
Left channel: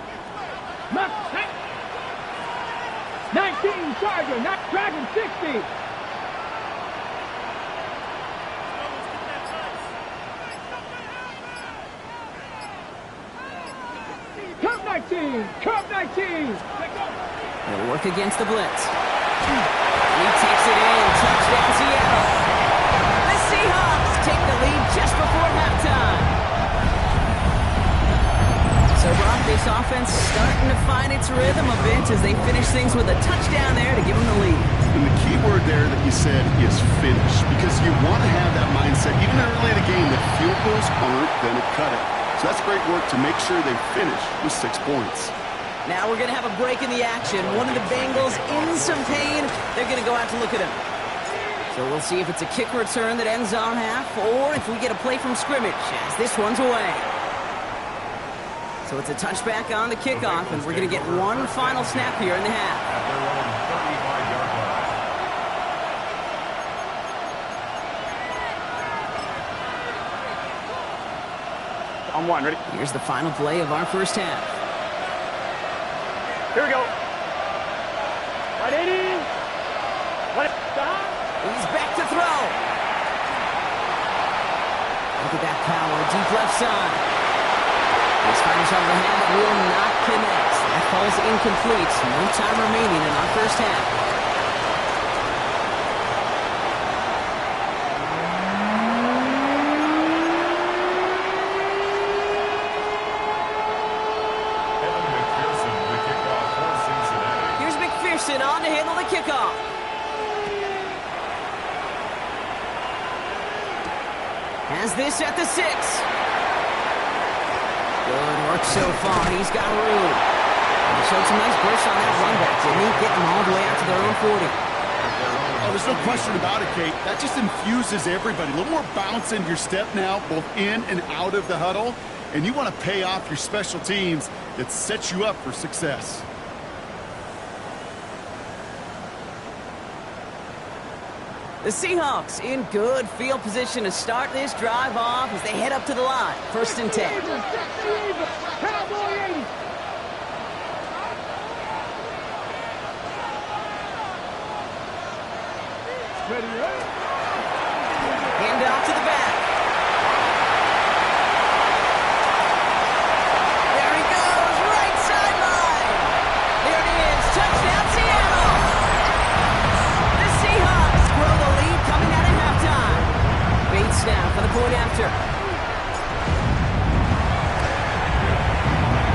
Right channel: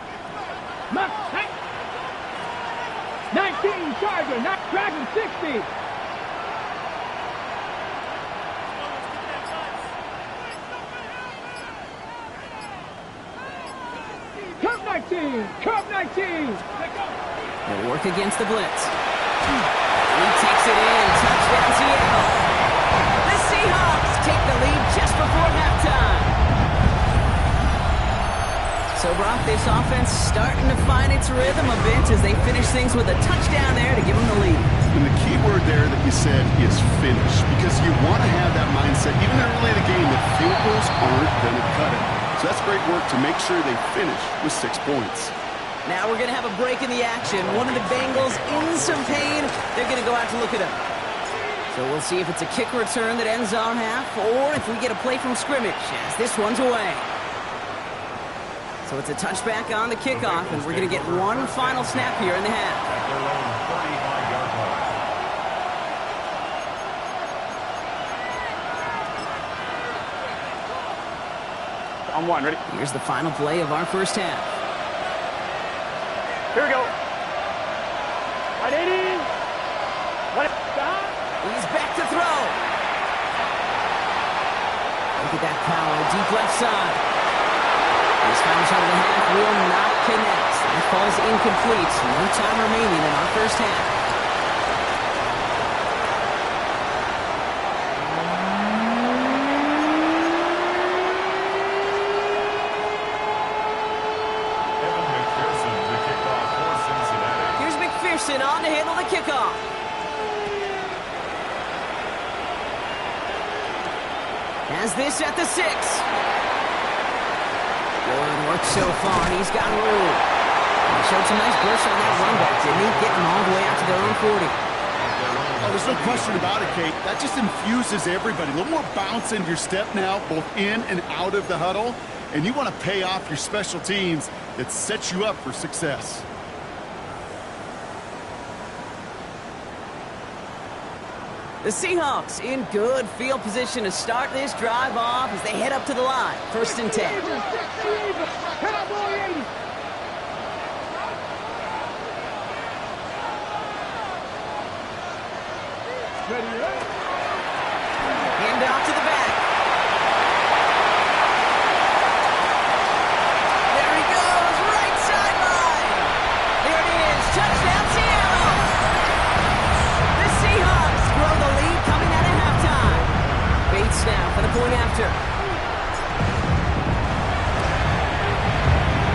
19 Charger, not Dragon 60. Curve 19, curve 19. They'll work against the blitz. He takes it in. Touchdown, Seattle. The Seahawks take the lead just before halftime. So, Brock, this offense starting to find its rhythm a bit as they finish things with a touchdown there to give them the lead. And the key word there that you said is finish, because you want to have that mindset, even early in the game, that field goals aren't going to cut it. So that's great work to make sure they finish with 6 points. Now we're going to have a break in the action. One of the Bengals in some pain. They're going to go out to look at him. So we'll see if it's a kick return that ends our half, or if we get a play from scrimmage as this one's away. So it's a touchback on the kickoff, and we're going to get one final snap here in the half. At their own 35-yard line. On one, ready? Here's the final play of our first half. Here we go. 180. Stop. He's back to throw. Look at that power, deep left side. This final shot of the half will not connect. That falls incomplete. No time remaining in our first half. Evan McPherson, the kickoff for Cincinnati. Here's McPherson on to handle the kickoff. Has this at the 6. Good work so far. He's got room. He showed some nice burst on that run back, didn't he? Getting them all the way out to their own 40. Oh, there's no question about it, Kate. That just infuses everybody. A little more bounce in your step now, both in and out of the huddle. And you want to pay off your special teams that sets you up for success. The Seahawks in good field position to start this drive off as they head up to the line. First and 10. Cowboy 80. Ready, ready. Hand off to the back. There he goes, right sideline. There it is, touchdown Seattle. The Seahawks grow the lead coming out of halftime. Bates now for the point after.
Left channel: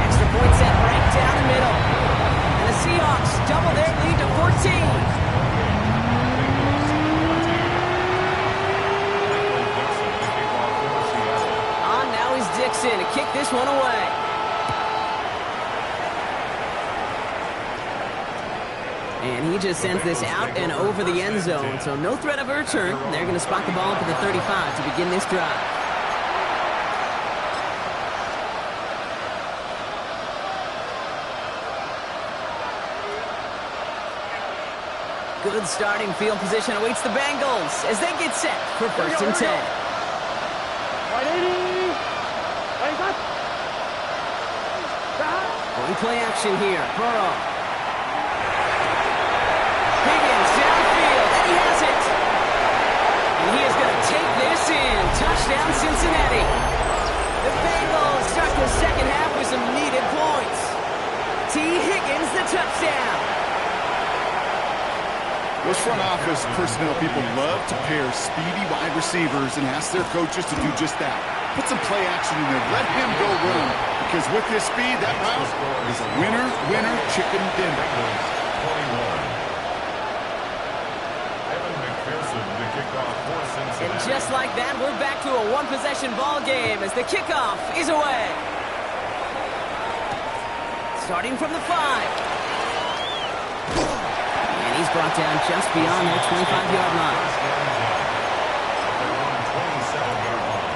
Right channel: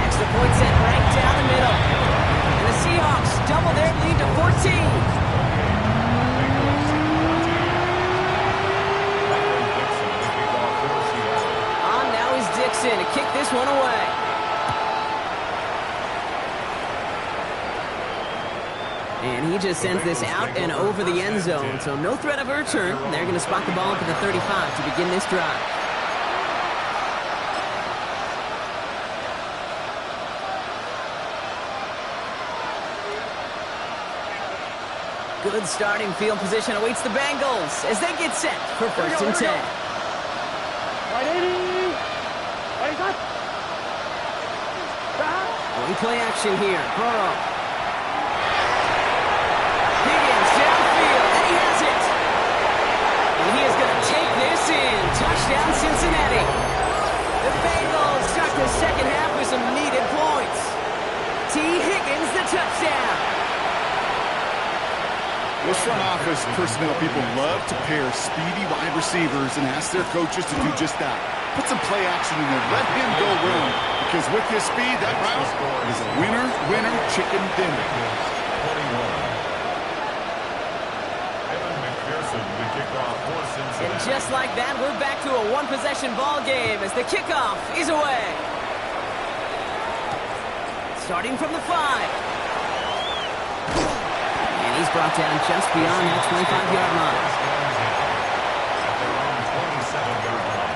Extra point set right down the middle. And the Seahawks double their lead to 14. Dixon to kick this one away. And he just sends this out and over the end zone, so no threat of a return. They're going to spot the ball up at the 35 to begin this drive. Good starting field position awaits the Bengals as they get set for first and 10. 180. We play action here. Burrow. Higgins downfield, and he has it. And he is going to take this in. Touchdown, Cincinnati. The Bengals start the second half with some needed points. T. Higgins, the touchdown. Those front office personnel people love to pair speedy wide receivers and ask their coaches to do just that. Put some play action in there. Let him go run. Because with his speed, that route is a winner, winner, chicken dinner. 21. Evan McPherson, the kickoff for Cincinnati. And just like that, we're back to a one-possession ball game as the kickoff is away. Starting from the 5. And he's brought down just beyond that 25-yard line. First and 10 at their own 27-yard line.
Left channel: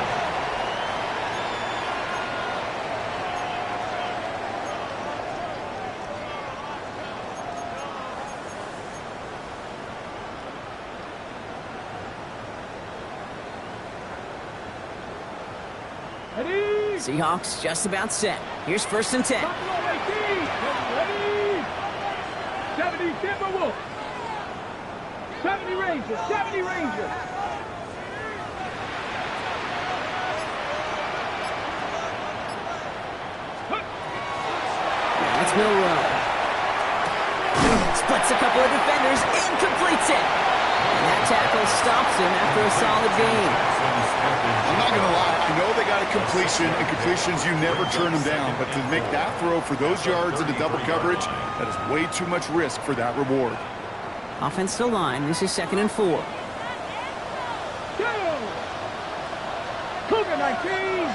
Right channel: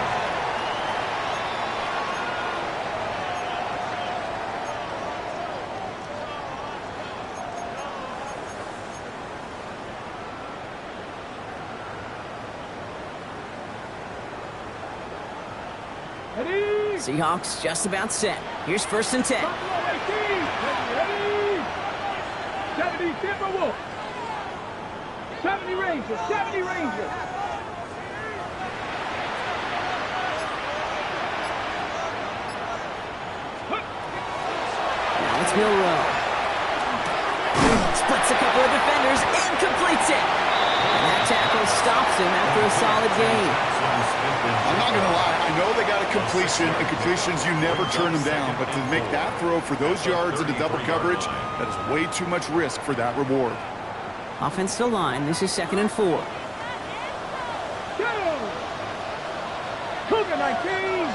Seahawks just about set. Here's first and 10. Ready? 70 Timberwolves. 70 Rangers. 70 Rangers. Now it's Milrow. Splits a couple of defenders and completes it. And that tackle stops him after a solid gain. I'm not going to lie. I know they got a completion, and completions, you never turn them down. But to make that throw for those yards into double coverage, that is way too much risk for that reward. Offensive line. This is 2nd and 4. Go! Cougar 19.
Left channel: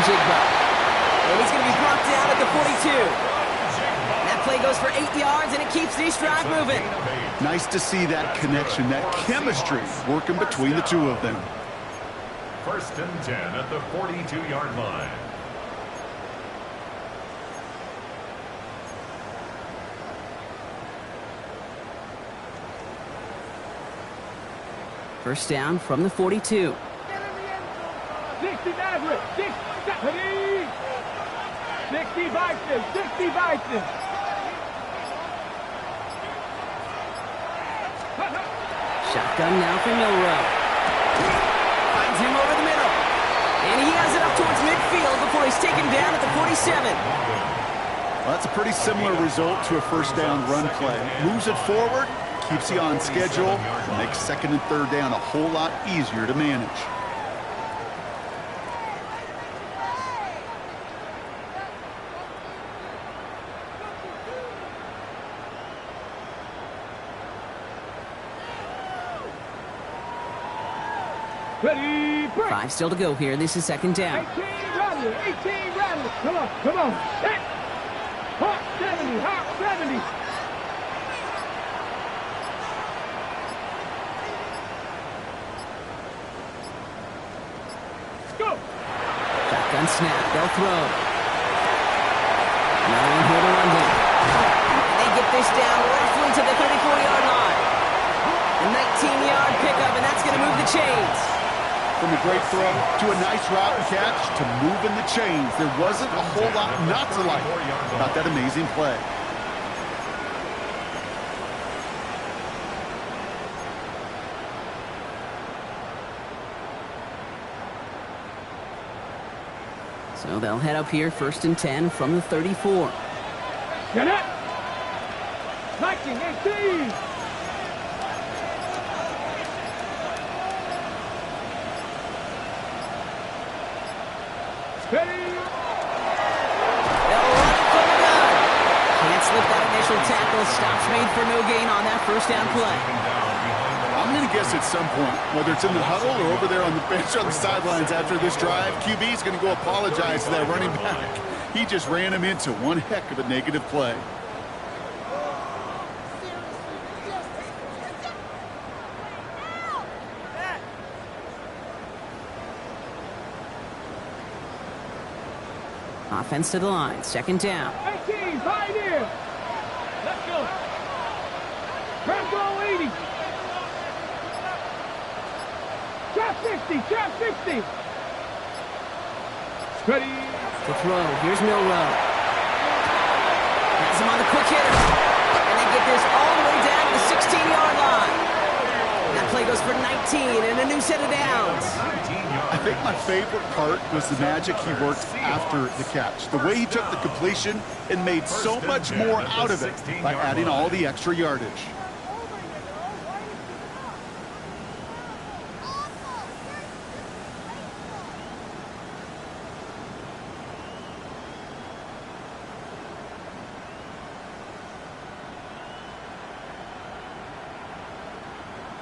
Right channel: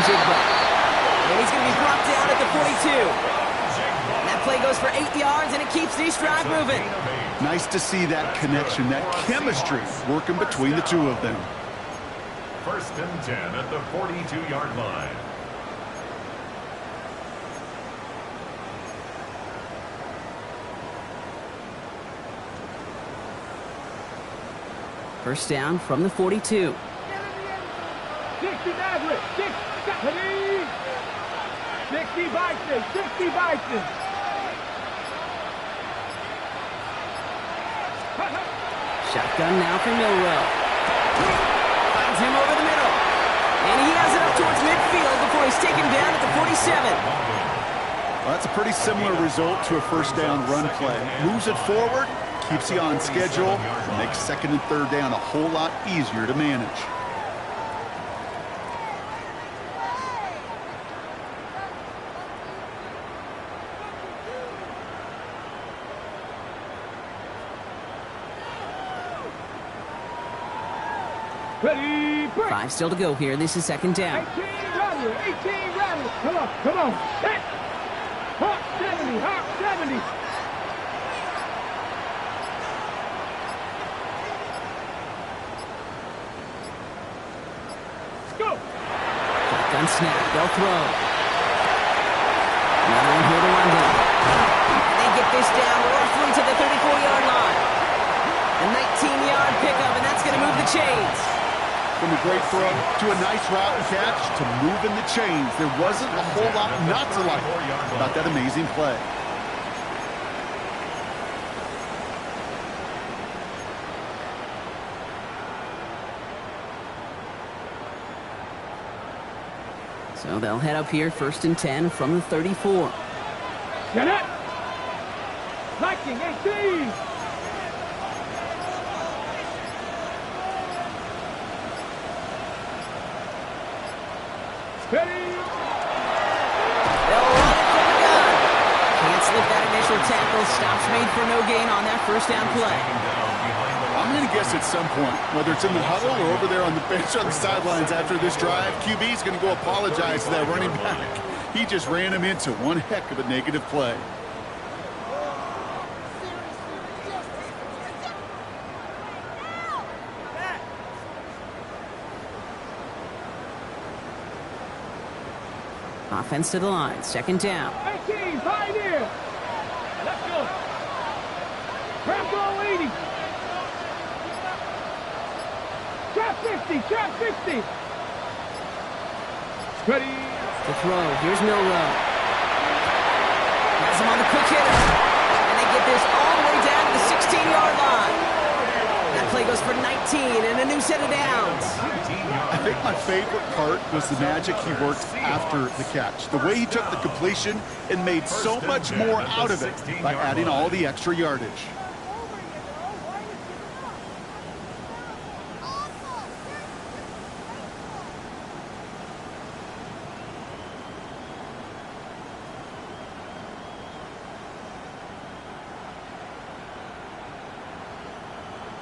Jigba. And he's going to be brought down at the 42. And that play goes for 8 yards, and it keeps the drive moving. Nice to see that connection, that chemistry working between the two of them. First and 10 at the 42-yard line. First down from the 42. 60 Maverick. 60 Vikings. 60 Vikings. Shotgun now for Milrow. Finds him over the middle. And he has it up towards midfield before he's taken down at the 47. Well, that's a pretty similar result to a first down run play. Moves it forward, keeps you on schedule, and makes 2nd and 3rd down a whole lot easier to manage. Ready, break. 5 still to go here. This is 2nd down. 18 Rattler. 18 Rattler. Come on. Set. Hawk 70. Hawk 70. Go. Shotgun snap. They'll throw. Another one here to London. And they get this down roughly to the 34-yard line. A 19-yard pickup, and that's going to move the chains. From a great throw to a nice route and catch to moving the chains. There wasn't a whole lot not to like about that amazing play. So they'll head up here 1st and 10 from the 34. Get it. Viking 18. Ready. They'll run it from the gun. Can't slip that initial tackle. Stops made for no gain on that first down play. I'm going to guess at some point, whether it's in the huddle or over there on the bench on the sidelines after this drive, QB is going to go apologize to that running back. He just ran him into one heck of a negative play. Offense to the line. 2nd down. 18, Pioneer. Let's go. Trap 80. Trap 60. Trap 60. Ready. To throw. Here's Milrow. Has him on the quick hitter. And they get this all the way down to the 16-yard line. That play goes for 19 and a new set of downs. I think my favorite part was the magic he worked after the catch. The way he took the completion and made so much more out of it by adding all the extra yardage.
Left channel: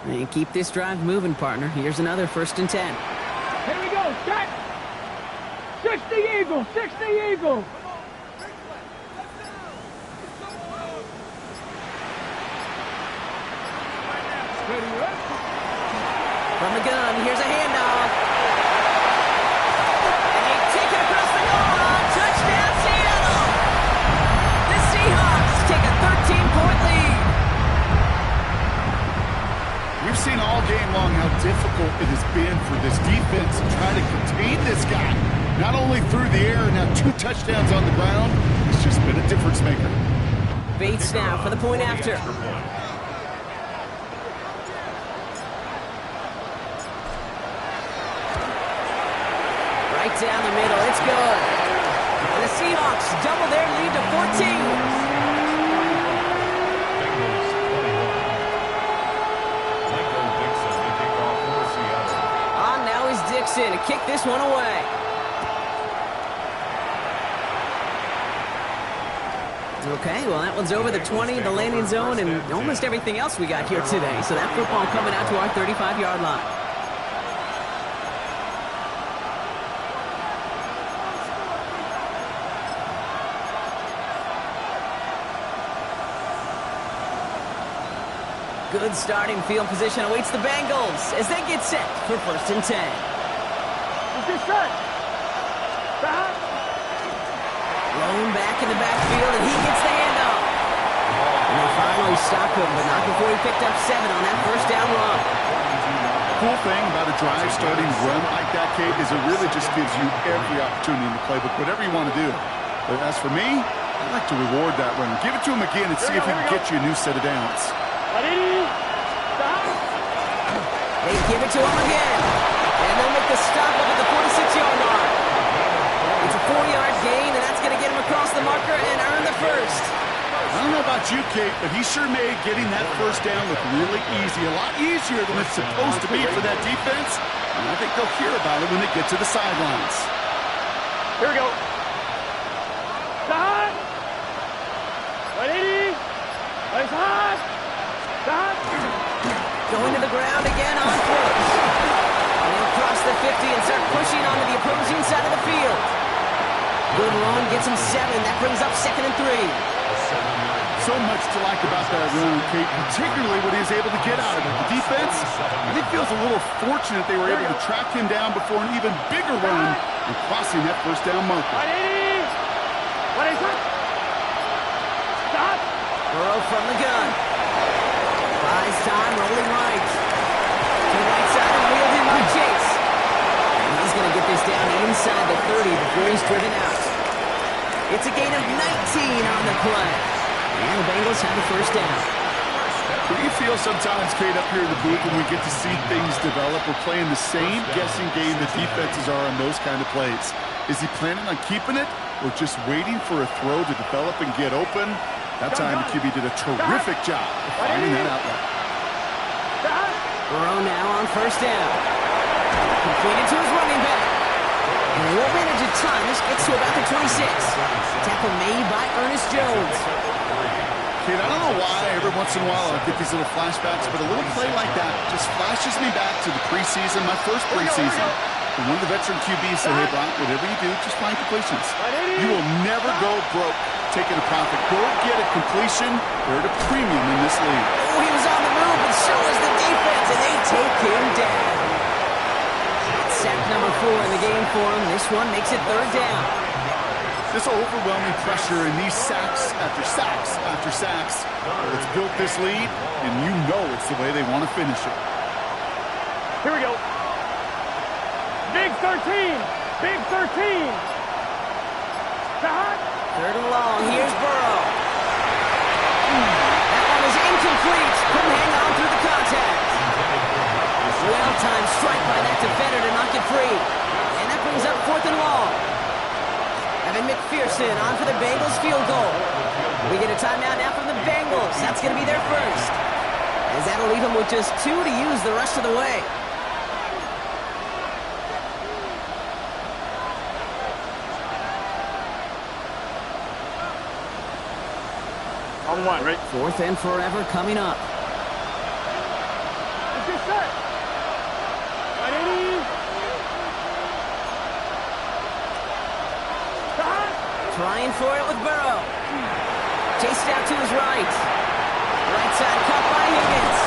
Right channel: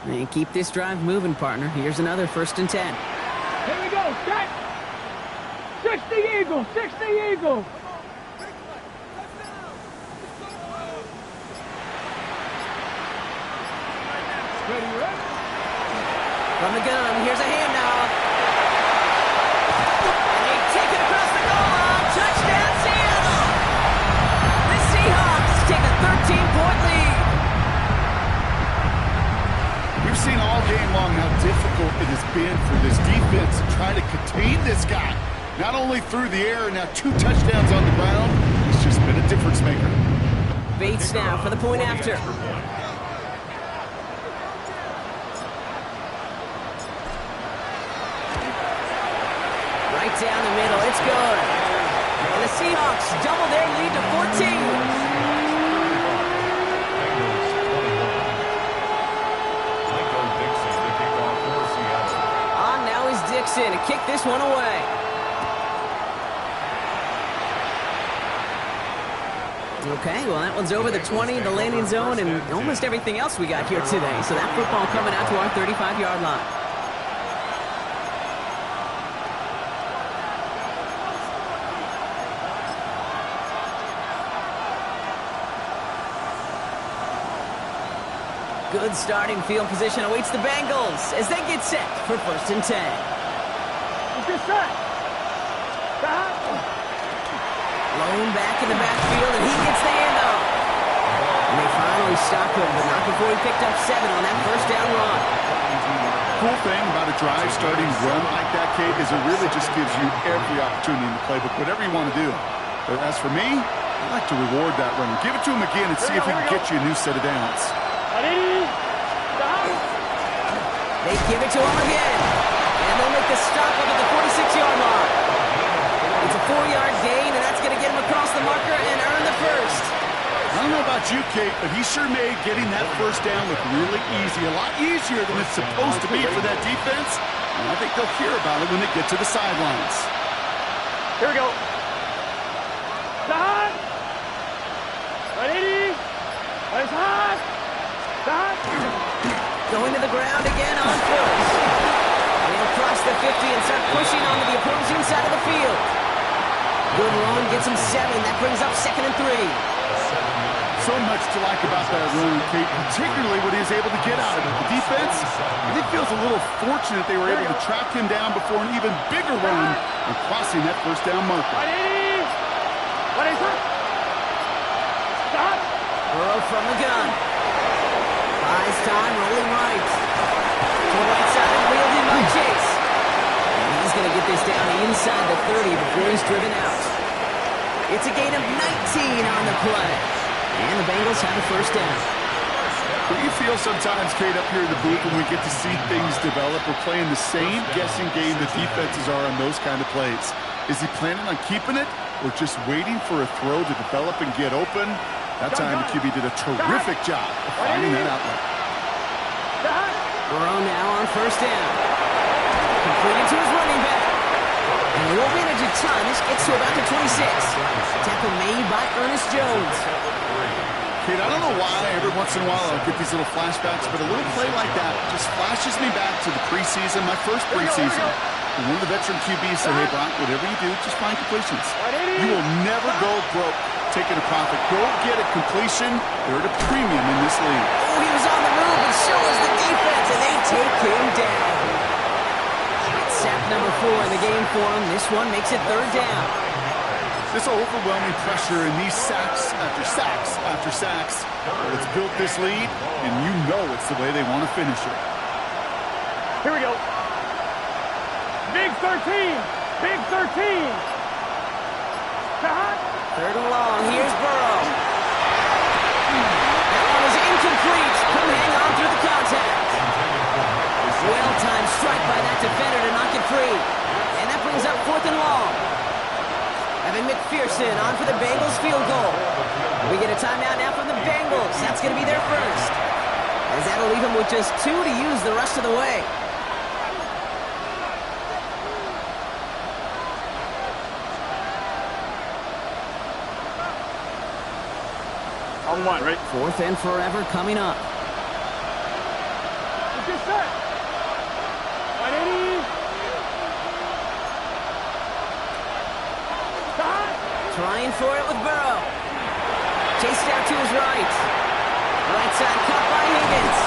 And keep this drive moving, partner. Here's another 1st and 10. Here we go. Set. 60 Eagle. 60 Eagle. Ready, right? From the gun, here's a handoff. And they take it across the goal line. Touchdown, Seattle! The Seahawks take a 13-point lead. We've seen all game long how difficult it has been for this defense to try to contain this guy. Not only through the air, now 2 touchdowns on the ground. It's just been a difference maker. Bates now for the point after. Right down the middle, it's good. And the Seahawks double their lead to 14. Bengals 21. On now is Dixon to kick this one away. Okay, well that one's over the 20, the landing zone, and almost everything else we got here today. So that football coming out to our 35-yard line. Good starting field position awaits the Bengals as they get set for 1st and 10. Get set. Stop. Lone back in the backfield, and he gets the handoff. And they finally stop him, but not before he picked up 7 on that 1st down run. Cool thing about a drive starting run like that, Kate, is it really just gives you every opportunity in the playbook, whatever you want to do. But as for me, I like to reward that runner. Give it to him again and see if he can get you a new set of downs. They give it to him again, and they'll make the stop up at the 46-yard line. It's a 4-yard gain, and that's going to get him across the marker and earn the 1st. I don't know about you, Kate, but he sure made getting that 1st down look really easy. A lot easier than it's supposed to be for that defense. And I think they'll hear about it when they get to the sidelines. Here we go. Stop. 180. Nice hot. Stop. Going to the ground again on 1st. And he'll cross the 50 and start pushing onto the opposing side of the field. Good run, gets him 7. That brings up 2nd and 3. So much to like about that run, Kate, particularly what he was able to get out of it. The defense, I think, feels a little fortunate they were able to track him down before an even bigger run and crossing that 1st down marker. 180. What is it? Stop. Burrow from the gun. Buys time, rolling right. To the right side and wheeled in by Chase. And he's going to get this down inside the 30 before he's driven out. It's a gain of 19 on the play. And the Bengals have a 1st down. What do you feel sometimes, Kate, up here in the booth when we get to see things develop? We're playing the same guessing game the defenses are on those kind of plays. Is he planning on keeping it or just waiting for a throw to develop and get open? That time, the QB did a terrific job of finding that outlet. Burrow now on 1st down. Completed to his running back. And they won't manage a ton. This gets to about the 26. Tackle made by Ernest Jones. Kate, I don't know why every once in a while I'll get these little flashbacks, but a little play like that just flashes me back to the preseason, my first preseason. And one of the veteran QBs said, hey, Brock, whatever you do, just find completions. You will never go broke taking a profit. Go get a completion. They're at a premium in this league. Oh, he was on the move, and so was the defense, and they take him down. It's sack number 4 in the game for him. This one makes it 3rd down. This overwhelming pressure and these sacks after sacks after sacks, it's built this lead, and you know it's the way they want to finish it. Here we go. Big 13. Big 13. Stop. 3rd and long. Here's Burrow. That one is incomplete. Couldn't hang on through the contact. Well-timed strike by that defender to knock it free. And that brings up 4th and long. Evan McPherson on for the Bengals field goal. We get a timeout now from the Bengals. That's going to be their 1st. As that'll leave them with just 2 to use the rest of the way. On 1, right? 4th and forever coming up. Trying for it with Burrow. Chased out to his right. Right side cut by Higgins.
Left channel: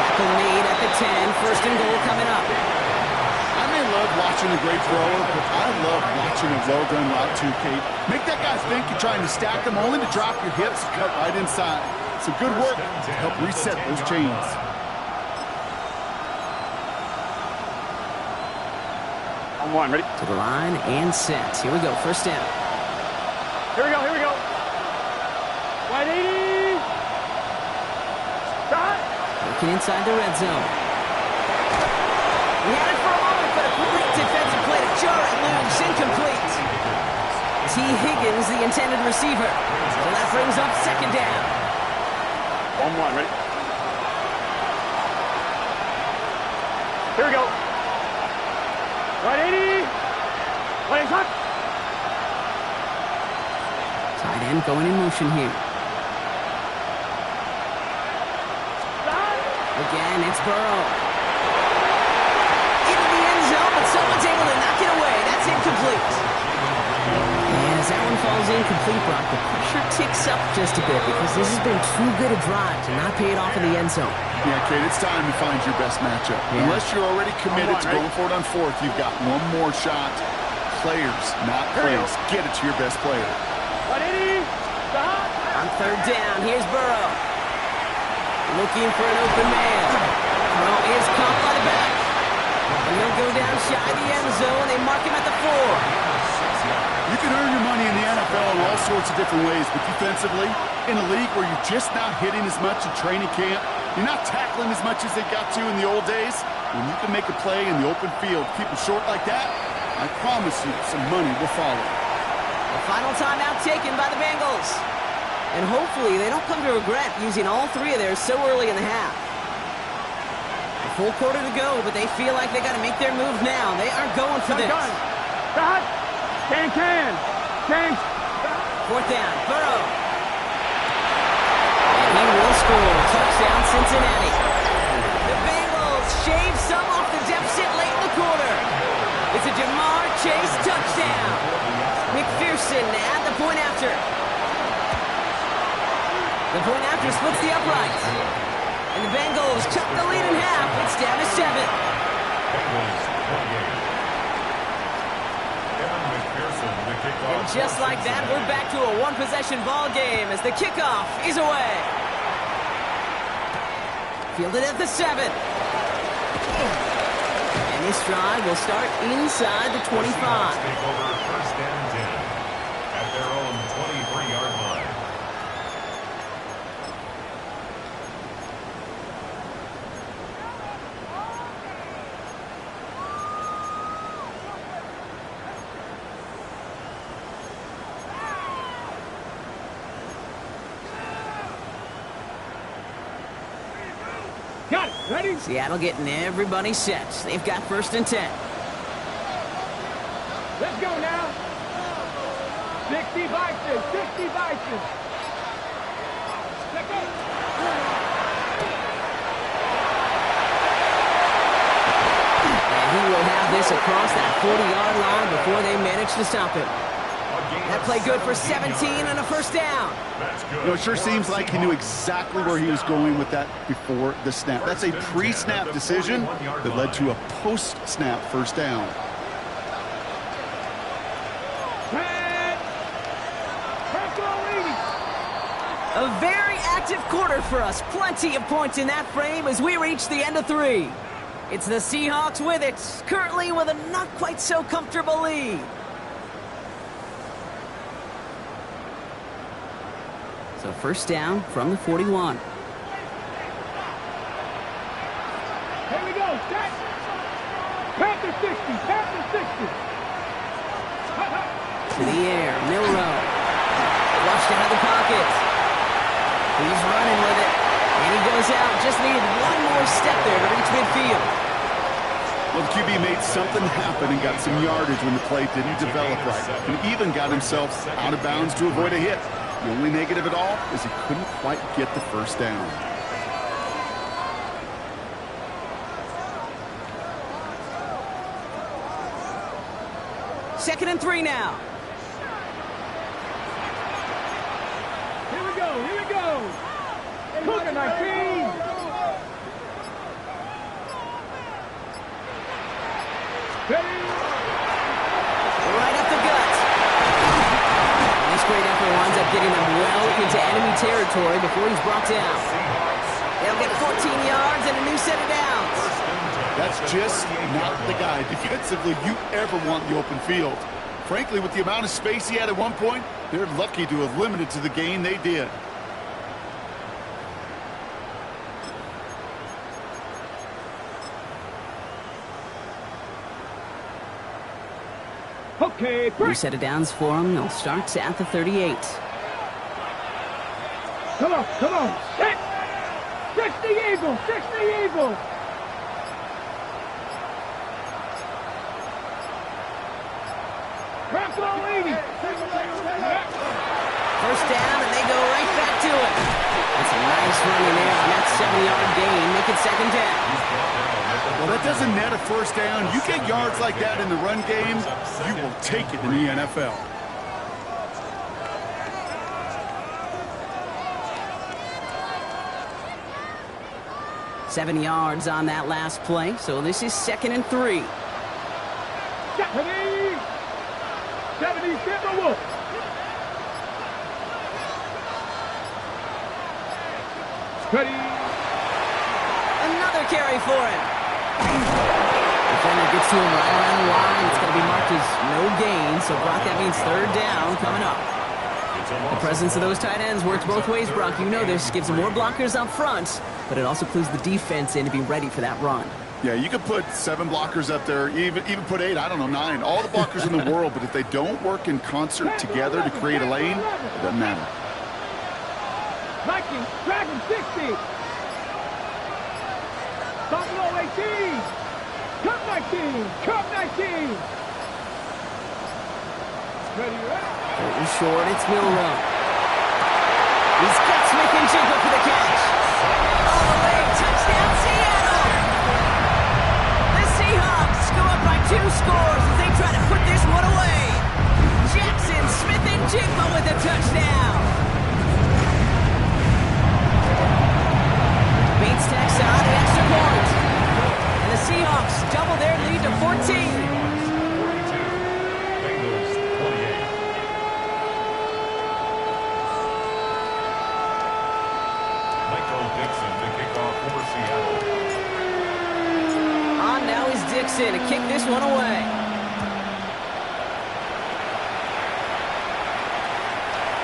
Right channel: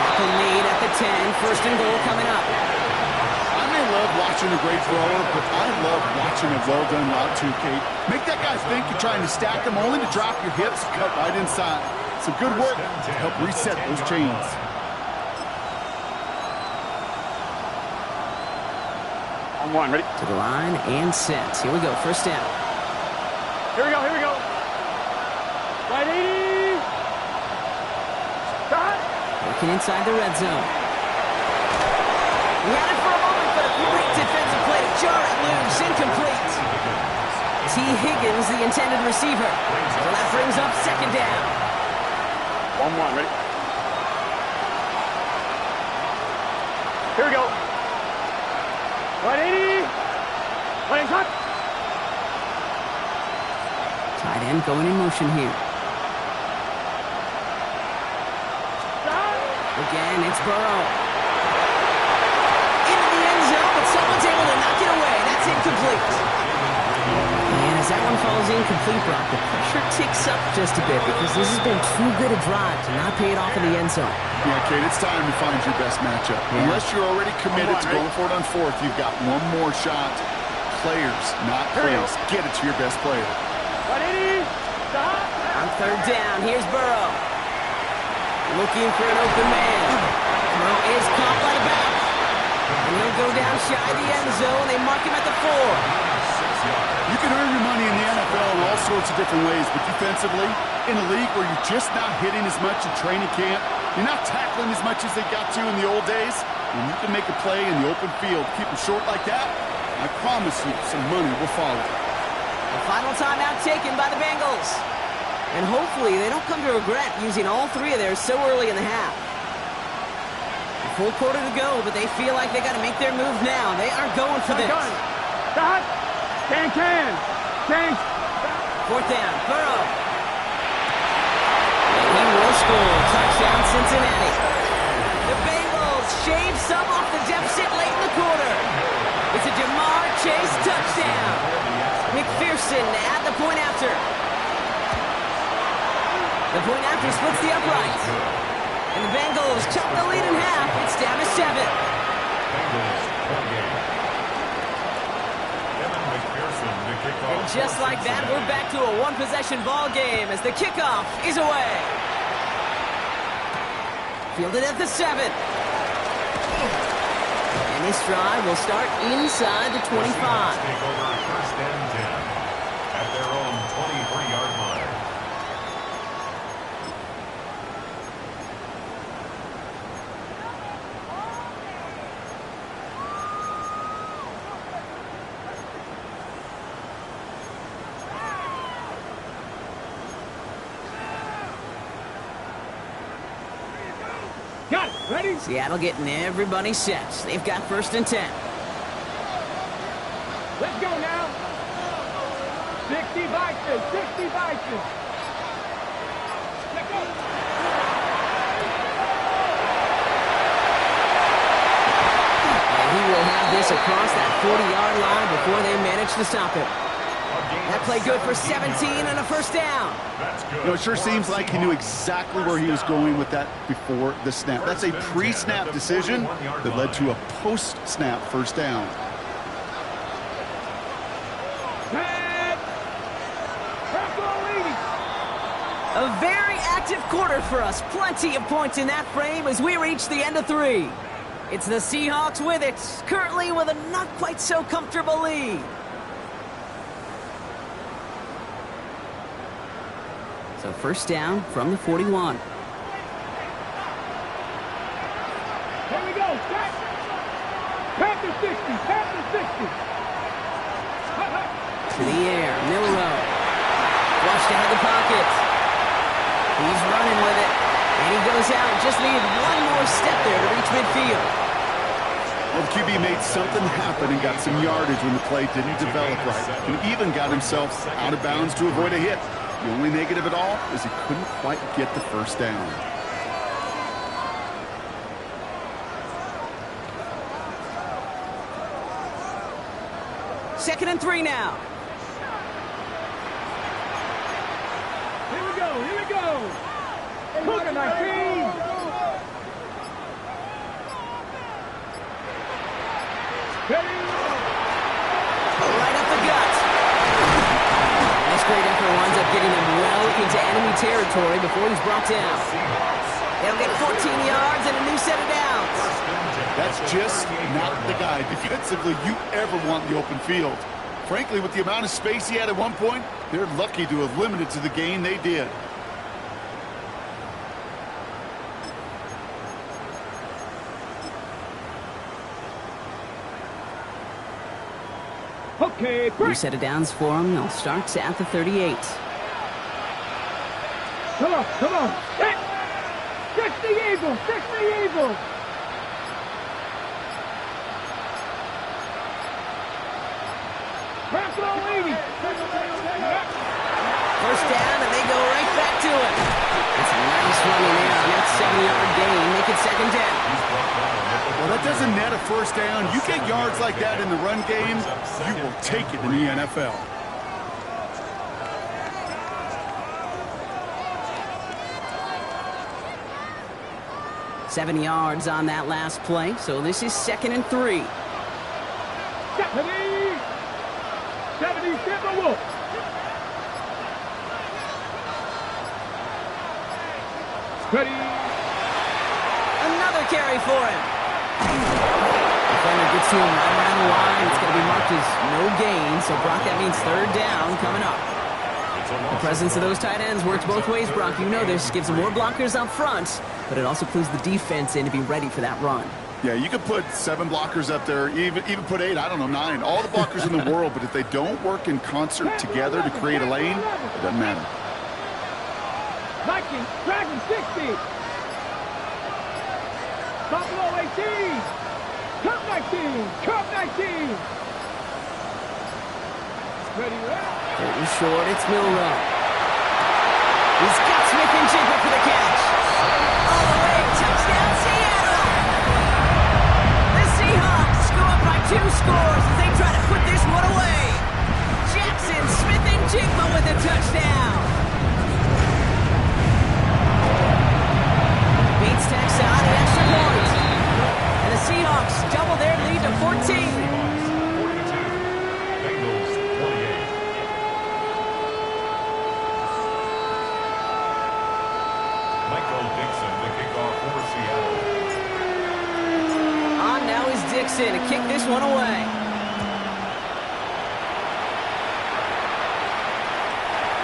Tackle made at the 10. First and goal coming up. I may love watching a great thrower, but I love watching a well-done route too, Kate. Make that guy think you're trying to stack him, only to drop your hips and cut right inside. Some good work to help reset those chains. On one, ready? To the line and set. Here we go, first down. Here we go, here we go. Wide 80. Stop. Working inside the red zone. He had it for a moment, but a great defensive play to jar it loose. Incomplete. T. Higgins, the intended receiver. So that brings up second down. 1-1, ready? Here we go. Wide 80. Wide cut. Tight end going in motion here. Again, it's Burrow. Into the end zone, but someone's able to knock it away. That's incomplete. And as that one falls incomplete, Brock, the pressure ticks up just a bit because this has been too good a drive to not pay it off in the end zone. Yeah, Kate, it's time to find your best matchup. Yeah. Unless you're already committed to going for it on fourth, you've got one more shot. Players, not plays. Get it to your best player. 180. Stop. On third down, here's Burrow. Looking for an open man. Throw is caught by the back. And he'll go down shy of the end zone. They mark him at the 4. You can earn your money in the NFL in all sorts of different ways, but defensively, in a league where you're just not hitting as much in training camp, you're not tackling as much as they got to in the old days, when you can make a play in the open field, keep them short like that, I promise you some money will follow. The final timeout taken by the Bengals. And hopefully they don't come to regret using all three of theirs so early in the half. A full quarter to go, but they feel like they got to make their move now. They are going for this. Stop. Can. Fourth down, Burrow. And he will score. Touchdown, Cincinnati. The Bengals shave some off the deficit late in the quarter. It's a Jamar Chase touchdown. McPherson at the point after. The point after splits the uprights. And the Bengals chop the lead in half. It's down to 7. Bengals 28. Kevin McPherson, the kickoff. And just like that, we're back to a one-possession ball game as the kickoff is away. Fielded at the 7. And this drive will start inside the 25. The Seahawks take over first and 10 at their own 23-yard line. Got it. Ready? Seattle getting everybody set. They've got first and 10. Let's go now. 60 Bison. 60 Bison. Let's go. And he will have this across that 40-yard line before they manage to stop him. That play good for 17 and a first down. That's good. You know, it sure seems like he knew exactly where he was going with that before the snap. That's a pre-snap decision that led to a post-snap first down. A very active quarter for us. Plenty of points in that frame as we reach the end of 3. It's the Seahawks with it, currently with a not quite so comfortable lead. So first down from the 41. Here we go. Set. Panther 60. Panther 60. To the air. Milrow. Flushed out of the pocket. He's running with it. And he goes out. Just needed one more step there to reach midfield. Well, the QB made something happen and got some yardage when the play didn't develop right. And even got himself out of bounds to avoid a hit. The only negative at all is he couldn't quite get the first down. Second and 3 now. go. Here we go. Cook 19. Ready. Right up the gut. This great effort winds up getting them well into enemy territory before he's brought down. They'll get 14 yards and a new set of downs. That's just not the guy defensively you ever want in the open field. Frankly, with the amount of space he had at one point, they're lucky to have limited to the gain they did. Okay, New set of downs for him. They'll start at the 38. Come on, come on. Hit. 60 Eagle, 60 Eagle. Bronco 80. First down, and they go right back to it. It's a nice running there on that 7-yard gain. Make it second down. Well, that doesn't net a first down. You get yards like that in the run game, you will take it in the NFL. Seven yards on that last play, so this is 2nd and 3. 70 Timberwolves. Ready. Another carry for him. Defender gets to him right around the line. It's going to be marked as no gain, so Brock, that means 3rd down coming up. The presence of those tight ends works both ways, Brock. You know this. Gives them more blockers up front, but it also clues the defense in to be ready for that run. Yeah, you could put 7 blockers up there, even put 8, I don't know, 9. All the blockers in the world, but if they don't work in concert together to create a lane, it doesn't matter. Viking, Dragon 60. Buffalo 18. Cup 19. Cup 19. Ready, ready. It was short. It's Milrow. He's got Smith and Jigba for the catch. All the way. Touchdown, Seattle. The Seahawks go up by 2 scores as they try to put this one away. Jackson, Smith and Jigba with a touchdown. Bates tacks on an extra point. And the Seahawks double their lead to 14. Seahawks 42, Bengals 28. Michael Dixon to kick off for Seattle. On now is Dixon to kick this one away.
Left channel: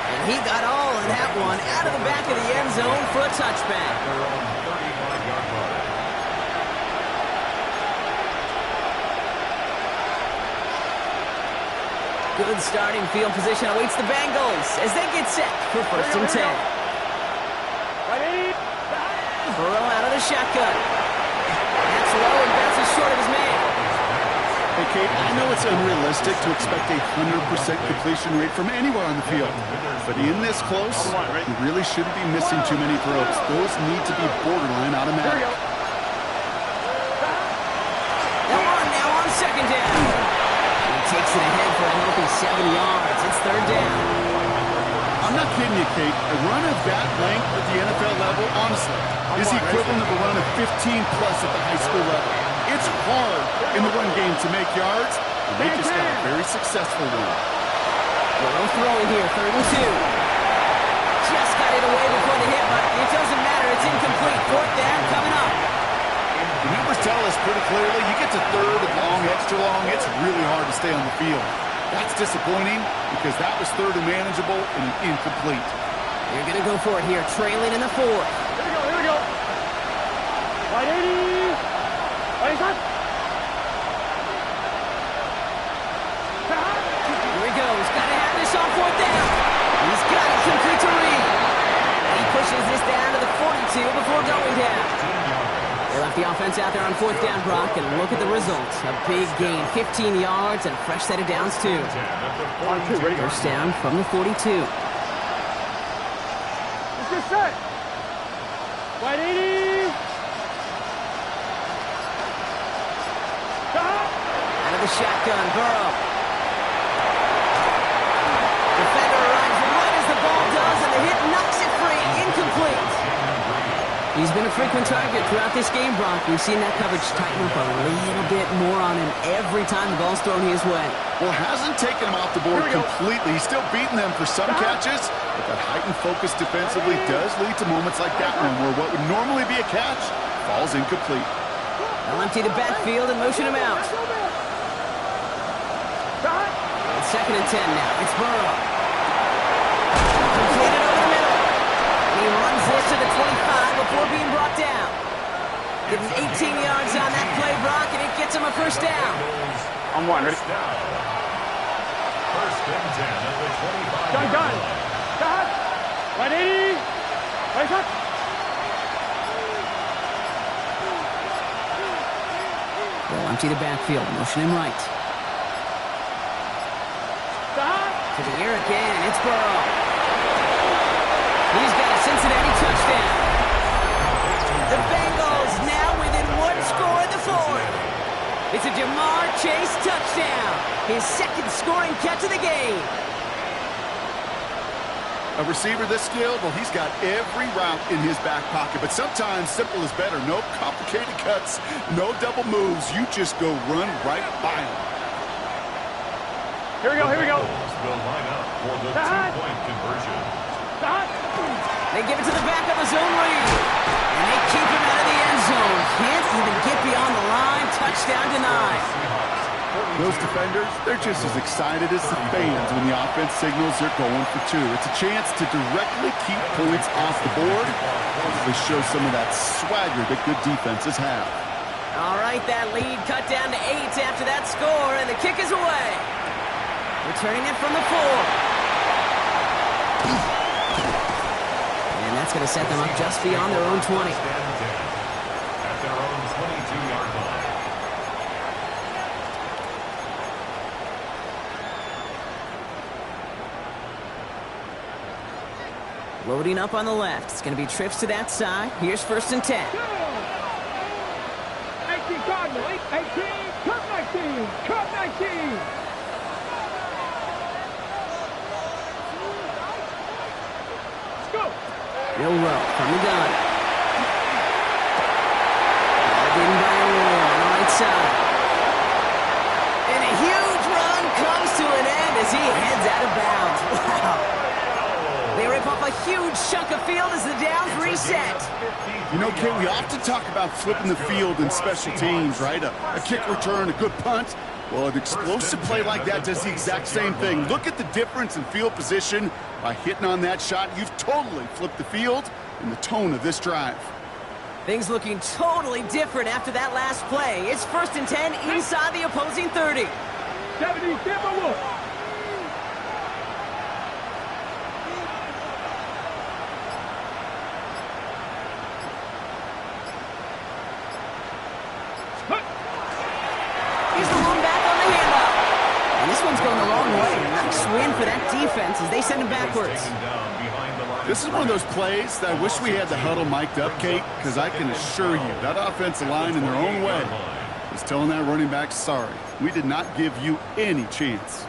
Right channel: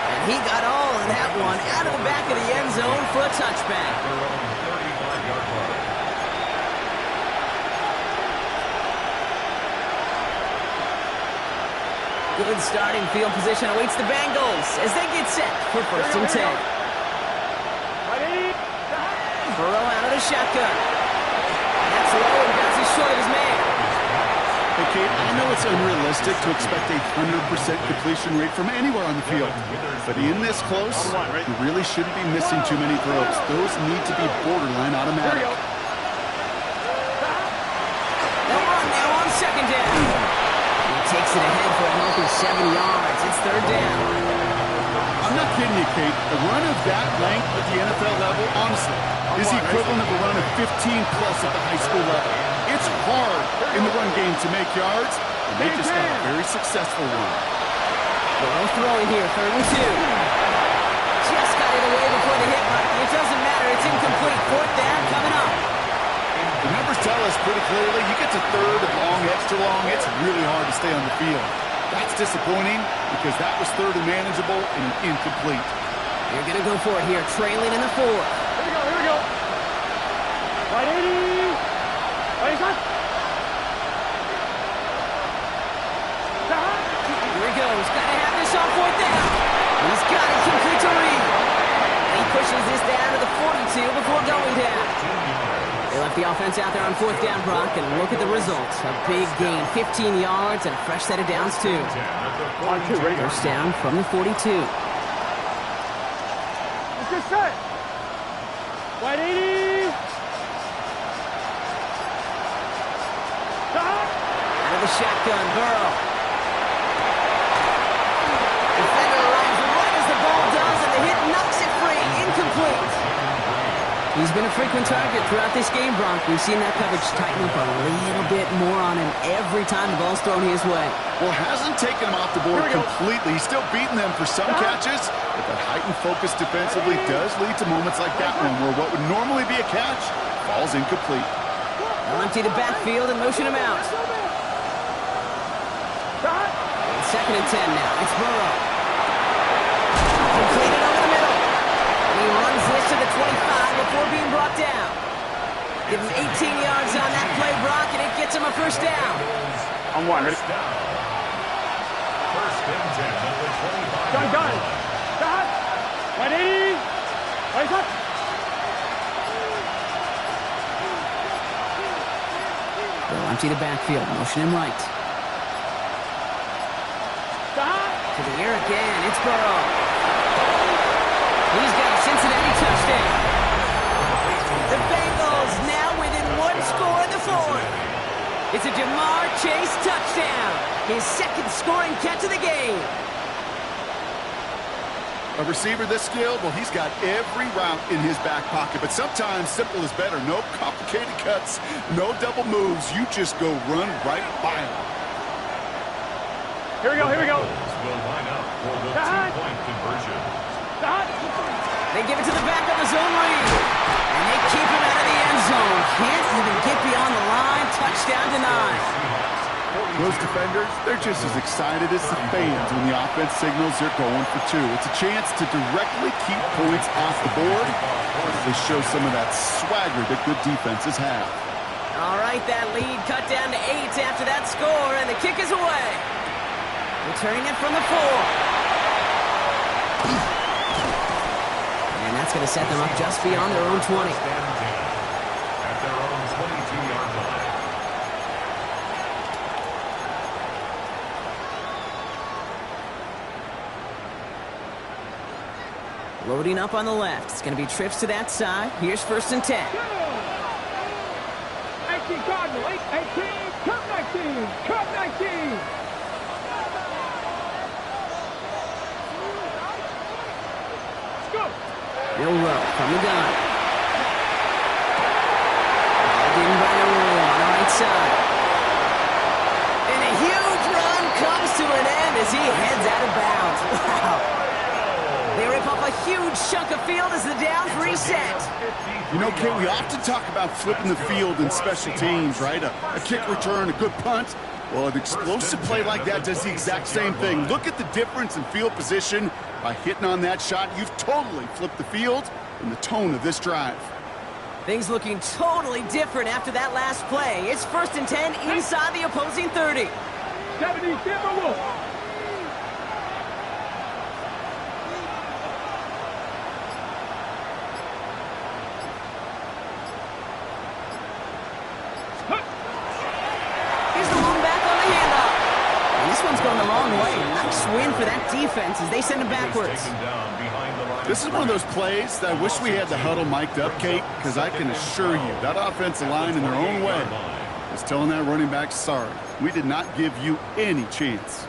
And he got all of that one out of the back of the end zone for a touchback. Their own 35-yard line. Good starting field position awaits the Bengals as they get set for 1st and 10. Burrow out of the shotgun. That's low and bounces short of his man. Hey, Kate, I know it's unrealistic to expect a 100% completion rate from anywhere on the field, but in this close, you really shouldn't be missing too many throws. Those need to be borderline automatic. They'll run now on 2nd down. He takes it ahead for a healthy 7 yards. It's 3rd down. I'm not kidding you, Kate. A run of that length at the NFL level, honestly, is the equivalent of a run of 15-plus at the high school level. It's hard in the run game to make yards, and they just got a very successful one. Burrow throwing here, 3rd and 2. Just got it away before the hit, but it doesn't matter. It's incomplete. 4th down coming up. The numbers tell us pretty clearly, you get to 3rd and long, extra long, it's really hard to stay on the field. That's disappointing because that was 3rd and manageable and an incomplete. You're going to go for it here, trailing in the 4th. Here we go. Right 80. Right shot. Here he goes. Got to have this on 4th down. He's got it complete to Reed. And he pushes this down to the 42 before going down. They left the offense out there on 4th down, Brock, and look at the result. A big gain, 15 yards, and a fresh set of downs, too. First down from the 42. It's just set. Right 80. Out of the shotgun, Burrow. Defender arrives right as the ball does, and the hit knocks it He's been a frequent target throughout this game, Brock. We've seen that coverage tighten up a little bit more on him every time the ball's thrown his way. Well, hasn't taken him off the board completely. He's still beating them for some catches, but that heightened focus defensively does lead to moments like that one where what would normally be a catch falls incomplete. They'll empty the backfield and motion him out. It's 2nd and 10 now. It's Burrow. Completed over the middle. And he runs this to the 25 before being brought down. Give him 18 yards on that play, Brock, and it gets him a first down. On one, ready? First and 10 at the 25. Gun. Got. 180. Right up. They'll empty the backfield, motion him right. To the air again, it's Burrow. He's got a Cincinnati touchdown. The Bengals now within 1 score in the 4th. It's a Jamar Chase touchdown. His 2nd scoring catch of the game. A receiver this skilled, well, he's got every route in his back pocket, but sometimes simple is better. No complicated cuts, no double moves. You just go run right by him. Here we go. Will line up for the 2-point conversion. They give it to the back of the zone read. And they keep him out of the end zone. Can't even get beyond the line. Touchdown denied. Those defenders, they're just as excited as the fans when the offense signals they're going for 2. It's a chance to directly keep points off the board. They show some of that swagger that good defenses have. All right, that lead cut down to 8 after that score, and the kick is away. Returning it from the 4. And that's going to set them up just beyond their own 20. At their own 22-yard line. Loading up on the left. It's going to be trips to that side. Here's 1st and 10. 18 Cardinal, 18, Cup 19, Cup 19. Milrow from the gun. Balled in by Arroyo on the right side. And a huge run comes to an end as he heads out of bounds. Wow. They rip off a huge chunk of field as the downs reset. You know, Kate, we often talk about flipping the field in special teams, right? A kick return, a good punt. Well, an explosive play like that does the exact same thing. Look at the difference in field position. By hitting on that shot, you've totally flipped the field and the tone of this drive. Things looking totally different after that last play. It's 1st and 10 inside the opposing 30. 70, Timberwolf. Here's the one back on the handoff. And this one's going the wrong way. Nice win for that defense as they send him backwards. This is one of those plays that I wish we had the huddle mic'd up, Kate, because I can assure you that offensive line in their own way is telling that running back, sorry, we did not give you any chance.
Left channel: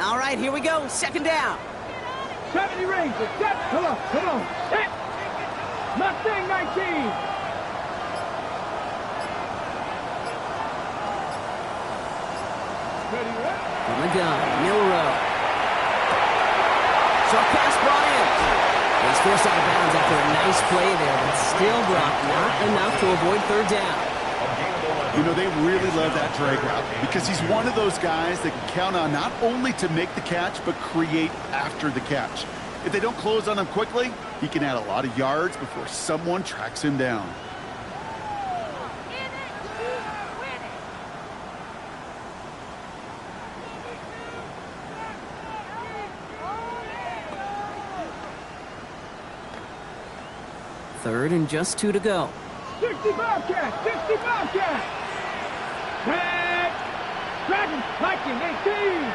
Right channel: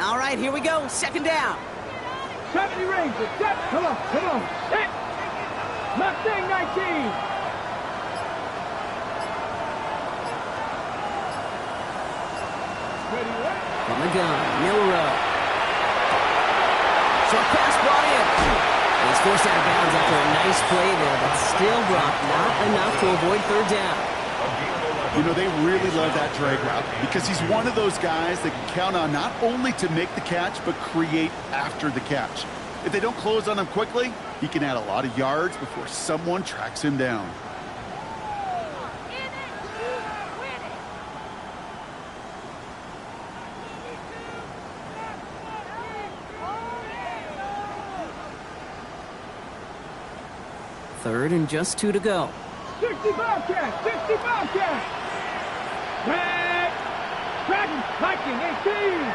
All right, here we go. 2nd down. 70 Rangers. Come on. Hit. Mustang 19. Ready, what? From the gun, Milrow. Short pass brought in. He's forced out of bounds after a nice play there, but still, Brock, not enough to avoid 3rd down. You know, they really love that drag route because he's one of those guys that can count on not only to make the catch, but create after the catch. If they don't close on him quickly, he can add a lot of yards before someone tracks him down. Third and just 2 to go. 60 Bobcat. Dragon, Viking, 18.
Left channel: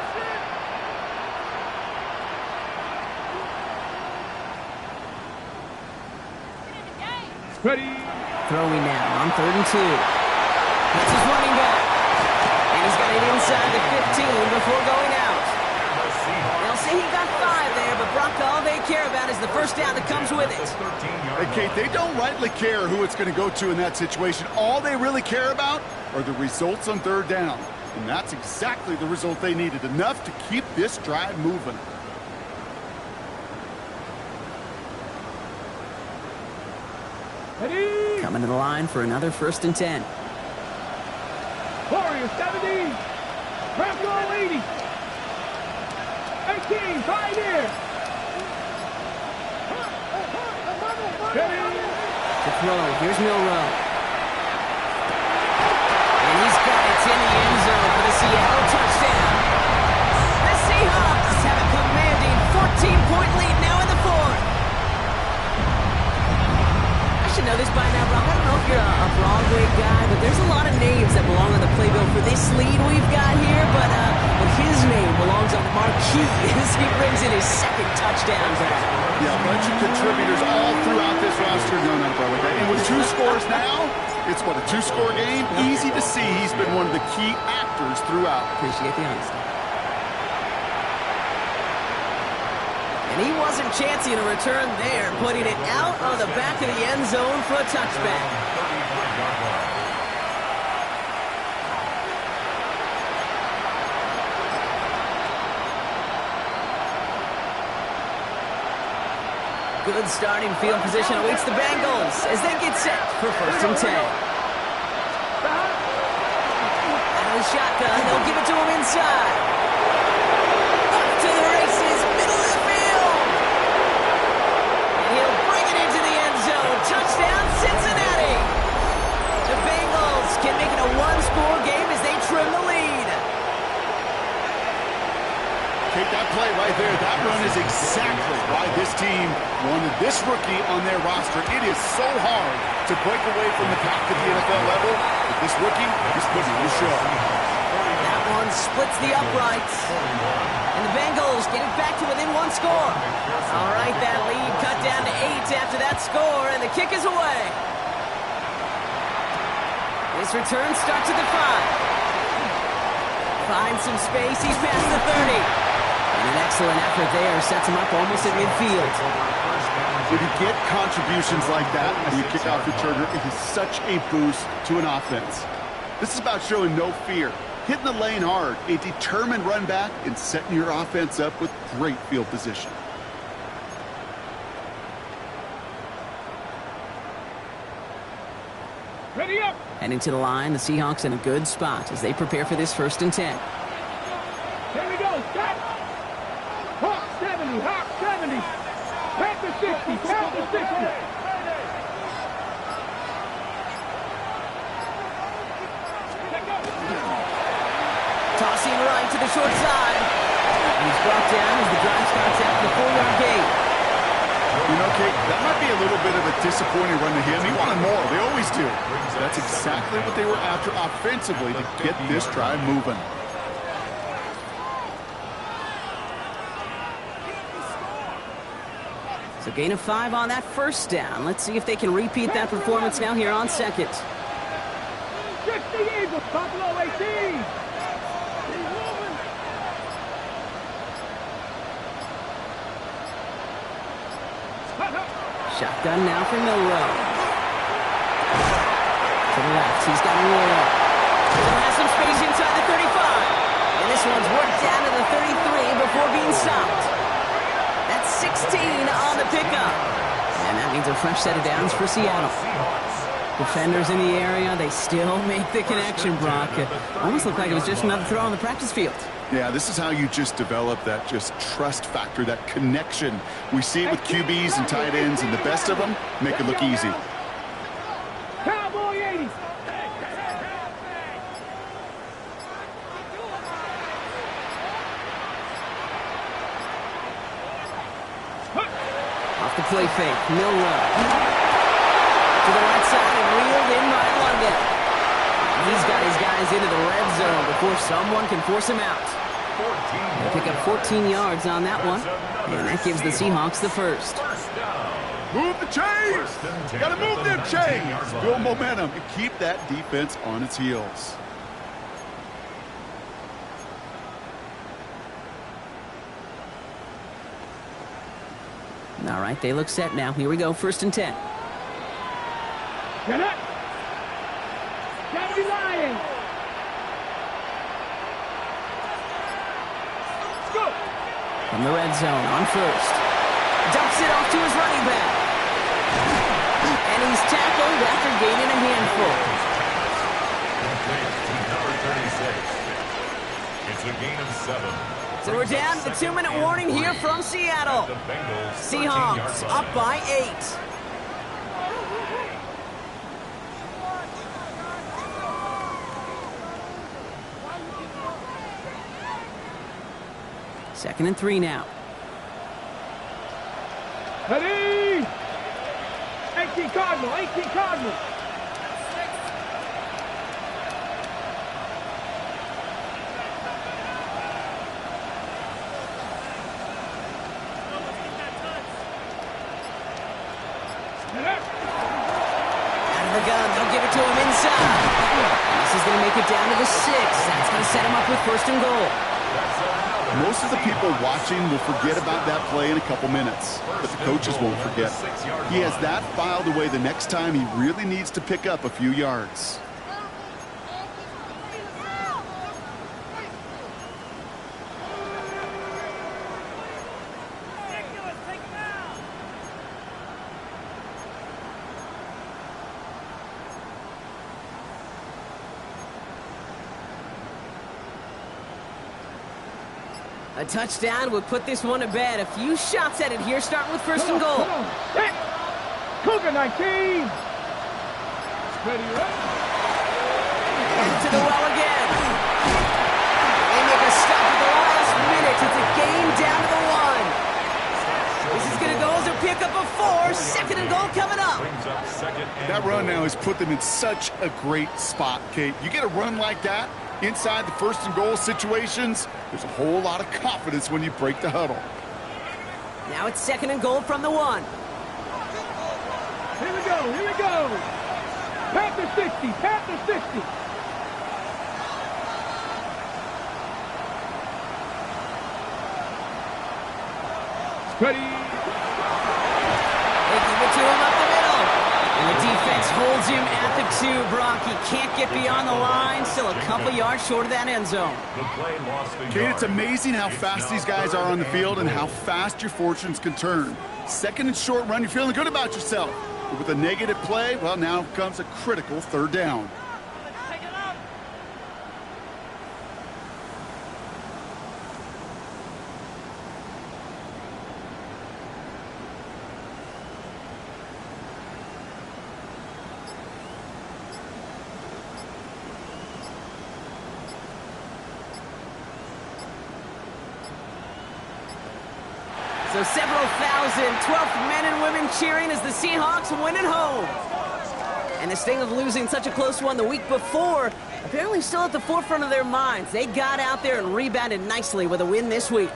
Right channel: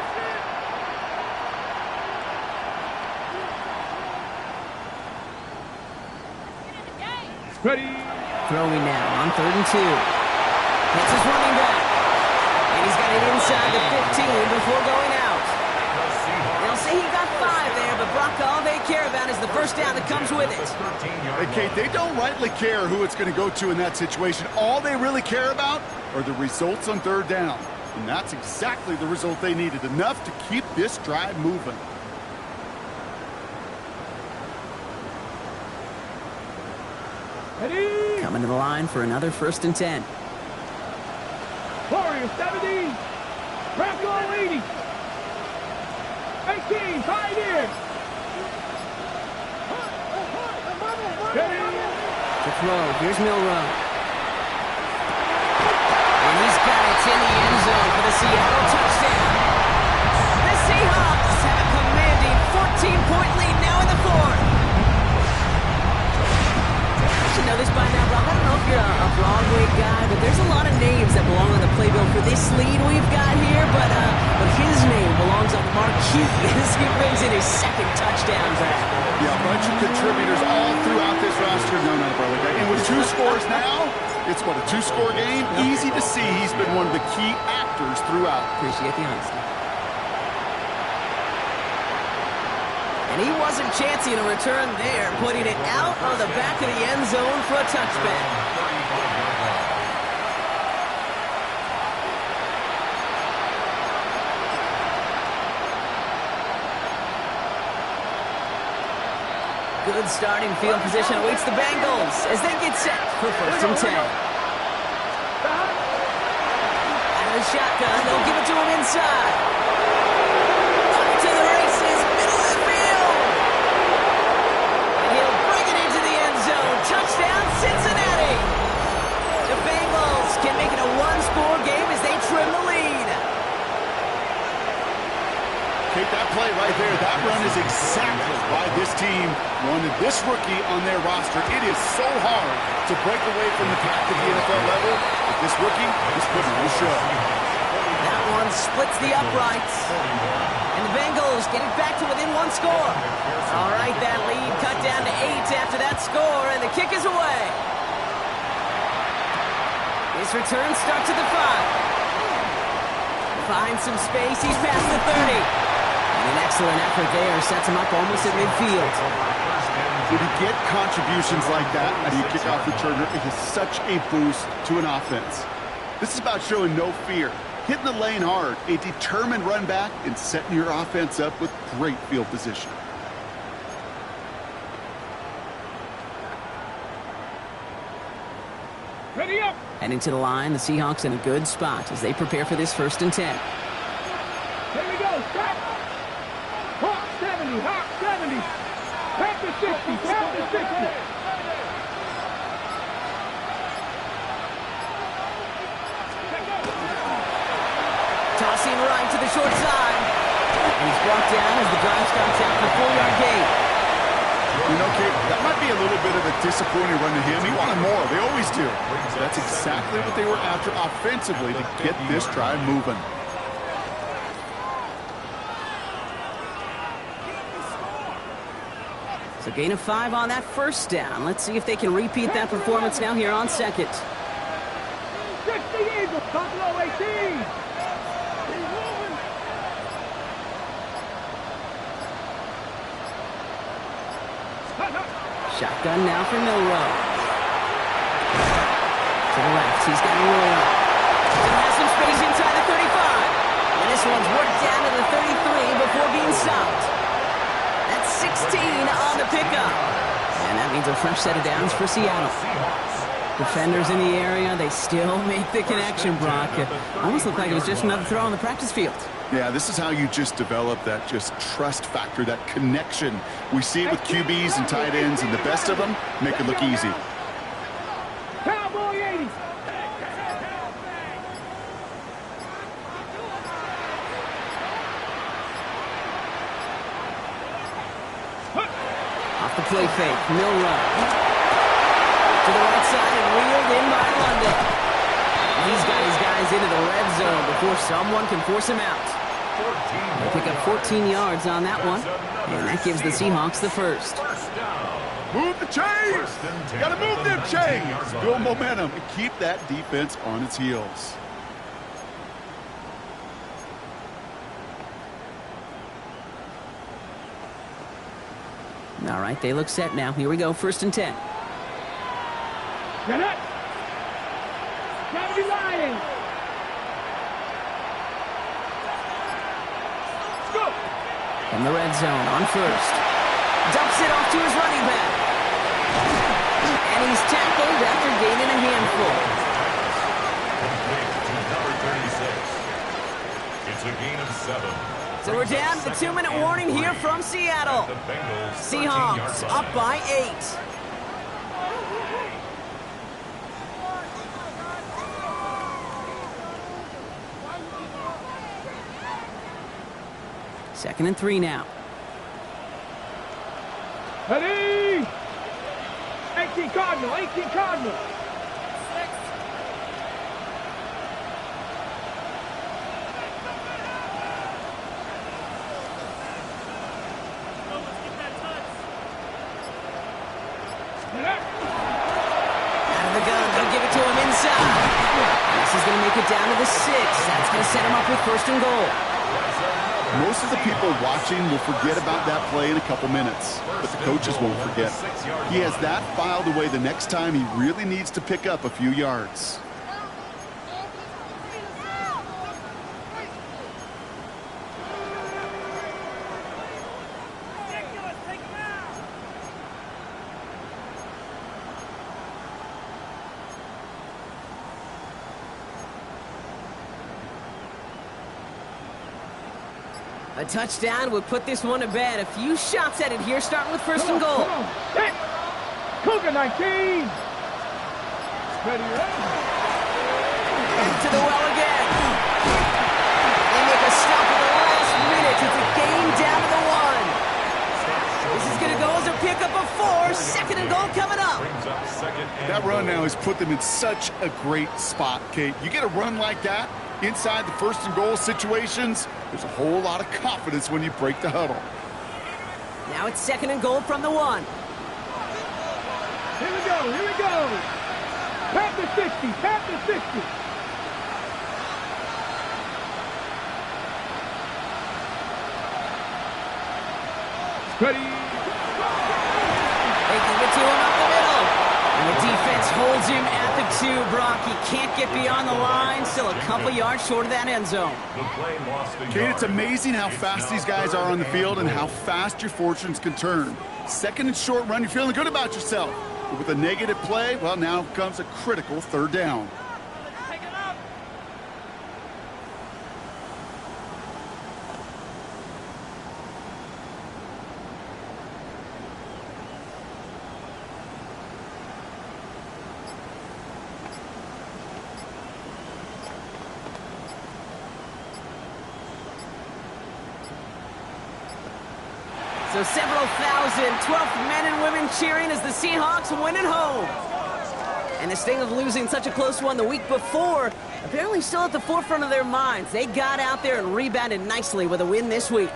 Ready. Throwing now on 3rd and 2. Hits his running back. And he's got it inside the 15 before going out. They'll say he got 5 there, but Brock, all they care about is the first down that comes with it. Hey, Kate, they don't rightly care who it's going to go to in that situation. All they really care about are the results on 3rd down. And that's exactly the result they needed, enough to keep this drive moving. Ready. Coming to the line for another 1st and 10. Warriors 70. Bronco 80. 18, Pioneer. To throw, here's Milrow. And he's got it in the end zone for the Seattle touchdown. The Seahawks have a commanding 14-point lead now in the 4th. I should know this by now, Brock. I don't know if you're a Broadway guy, but there's a lot of names that belong on the playbill for this lead we've got here, but his name belongs on the marquee as he brings in his 2nd touchdown grab. Yeah, a bunch of contributors all throughout this roster. No, not a Broadway guy. And with 2 scores now, it's what, a 2-score game? Easy to see he's been one of the key actors throughout. Appreciate the honesty. And he wasn't chancing a return there, putting it out of the back of the end zone for a touchback. Good starting field position awaits the Bengals as they get set for 1st and 10. Out of the shotgun, they'll give it to him inside. Up to the races, middle of the field. And he'll bring it into the end zone. Touchdown, Cincinnati. The Bengals can make it a 1-score game as they trim the lead. Kate, that play right there, that run is exactly why this team wanted this rookie on their roster. It is so hard to break away from the pack at the NFL level, but this rookie is putting on a show. That one splits the uprights. And the Bengals getting back to within 1 score. All right, that lead cut down to 8 after that score, and the kick is away. His return starts at the 5. Finds some space, he's past the 30. And an excellent effort there sets him up almost at midfield. When you get contributions like that out of your kickoff returner, it is such a boost to an offense. This is about showing no fear, hitting the lane hard, a determined run back, and setting your offense up with great field position. Ready up. Heading to the line, the Seahawks in a good spot as they prepare for this 1st and 10. Here we go. Stop. Hawk 70. Hawk 70. Panther 60. Panther 60. Tossing right to the short side. And he's brought down as the drive starts out the 4-yard gate. You know, Kate, that might be a little bit of a disappointing run to him. He wanted more. They always do. That's exactly what they were after offensively to get this drive moving. So gain of 5 on that 1st down. Let's see if they can repeat that performance now here on 2nd. 60 Eagles. Buffalo 18. Shotgun now for Milrow. To the left, he's got Royal. Still has some space inside the 35. And this one's worked down to the 33 before being stopped. That's 16 on the pickup. And that means a fresh set of downs for Seattle. Defenders in the area, they still make the connection, Brock. It almost looked like it was just another throw on the practice field. Yeah, this is how you just develop that just trust factor, that connection. We see it with QBs and tight ends, and the best of them make it look easy. Cowboy 80. Off the play fake, Milrow. To the right side and reeled in by London. He's got his guys into the red zone before someone can force him out. They pick up 14 yards on that one, and that gives the Seahawks the 1st. Move the chains. First and 10 Got to at move the them 19-yard chains. line. Build momentum and keep that defense on its heels. All right, they look set now. Here we go, first and 10. Get it. Kennedy Lions. Let's go. From the red zone on first. Dumps it off to his running back. And he's tackled after gaining a handful. Complete to number 36. It's a gain of 7. So we're down to the 2-minute warning here from Seattle. The Bengals Seahawks 13-yard line. up by 8. Second and 3 now. Ready. 18 Cardinal. 18 Cardinal. Out of the gun, they'll give it to him inside. This is going to make it down to the 6. That's going to set him up with first and goal. Most of the people watching will forget about that play in a couple minutes, but the coaches won't forget. He has that filed away the next time he really needs to pick up a few yards. A touchdown would put this one to bed. A few shots at it here, starting with first and goal. Come on. Set. Cougar 19. Ready, ready. To the well again. They make a stop at the last minute. It's a gain down to the 1. This is going to go as a pickup of 4. Second and goal coming up. That run now has put them in such a great spot, Kate. You get a run like that inside the first and goal situations, there's a whole lot of confidence when you break the huddle. Now it's second and goal from the 1. Here we go. Here we go. Panther 60. Panther 60. Ready. They give it to him up the middle. And the defense holds him at the 2, Brock. He can't get beyond the line. Still a couple yards short of that end zone. The play lost the Kate, it's yard. amazing how fast these guys are on the field and how fast your fortunes can turn. Second and short run, you're feeling good about yourself. But with a negative play, well, now comes a critical third down. So several thousand 12th men and women cheering as the Seahawks win at home. And the sting of losing such a close one the week before, apparently still at the forefront of their minds. They got out there and rebounded nicely with a win this week.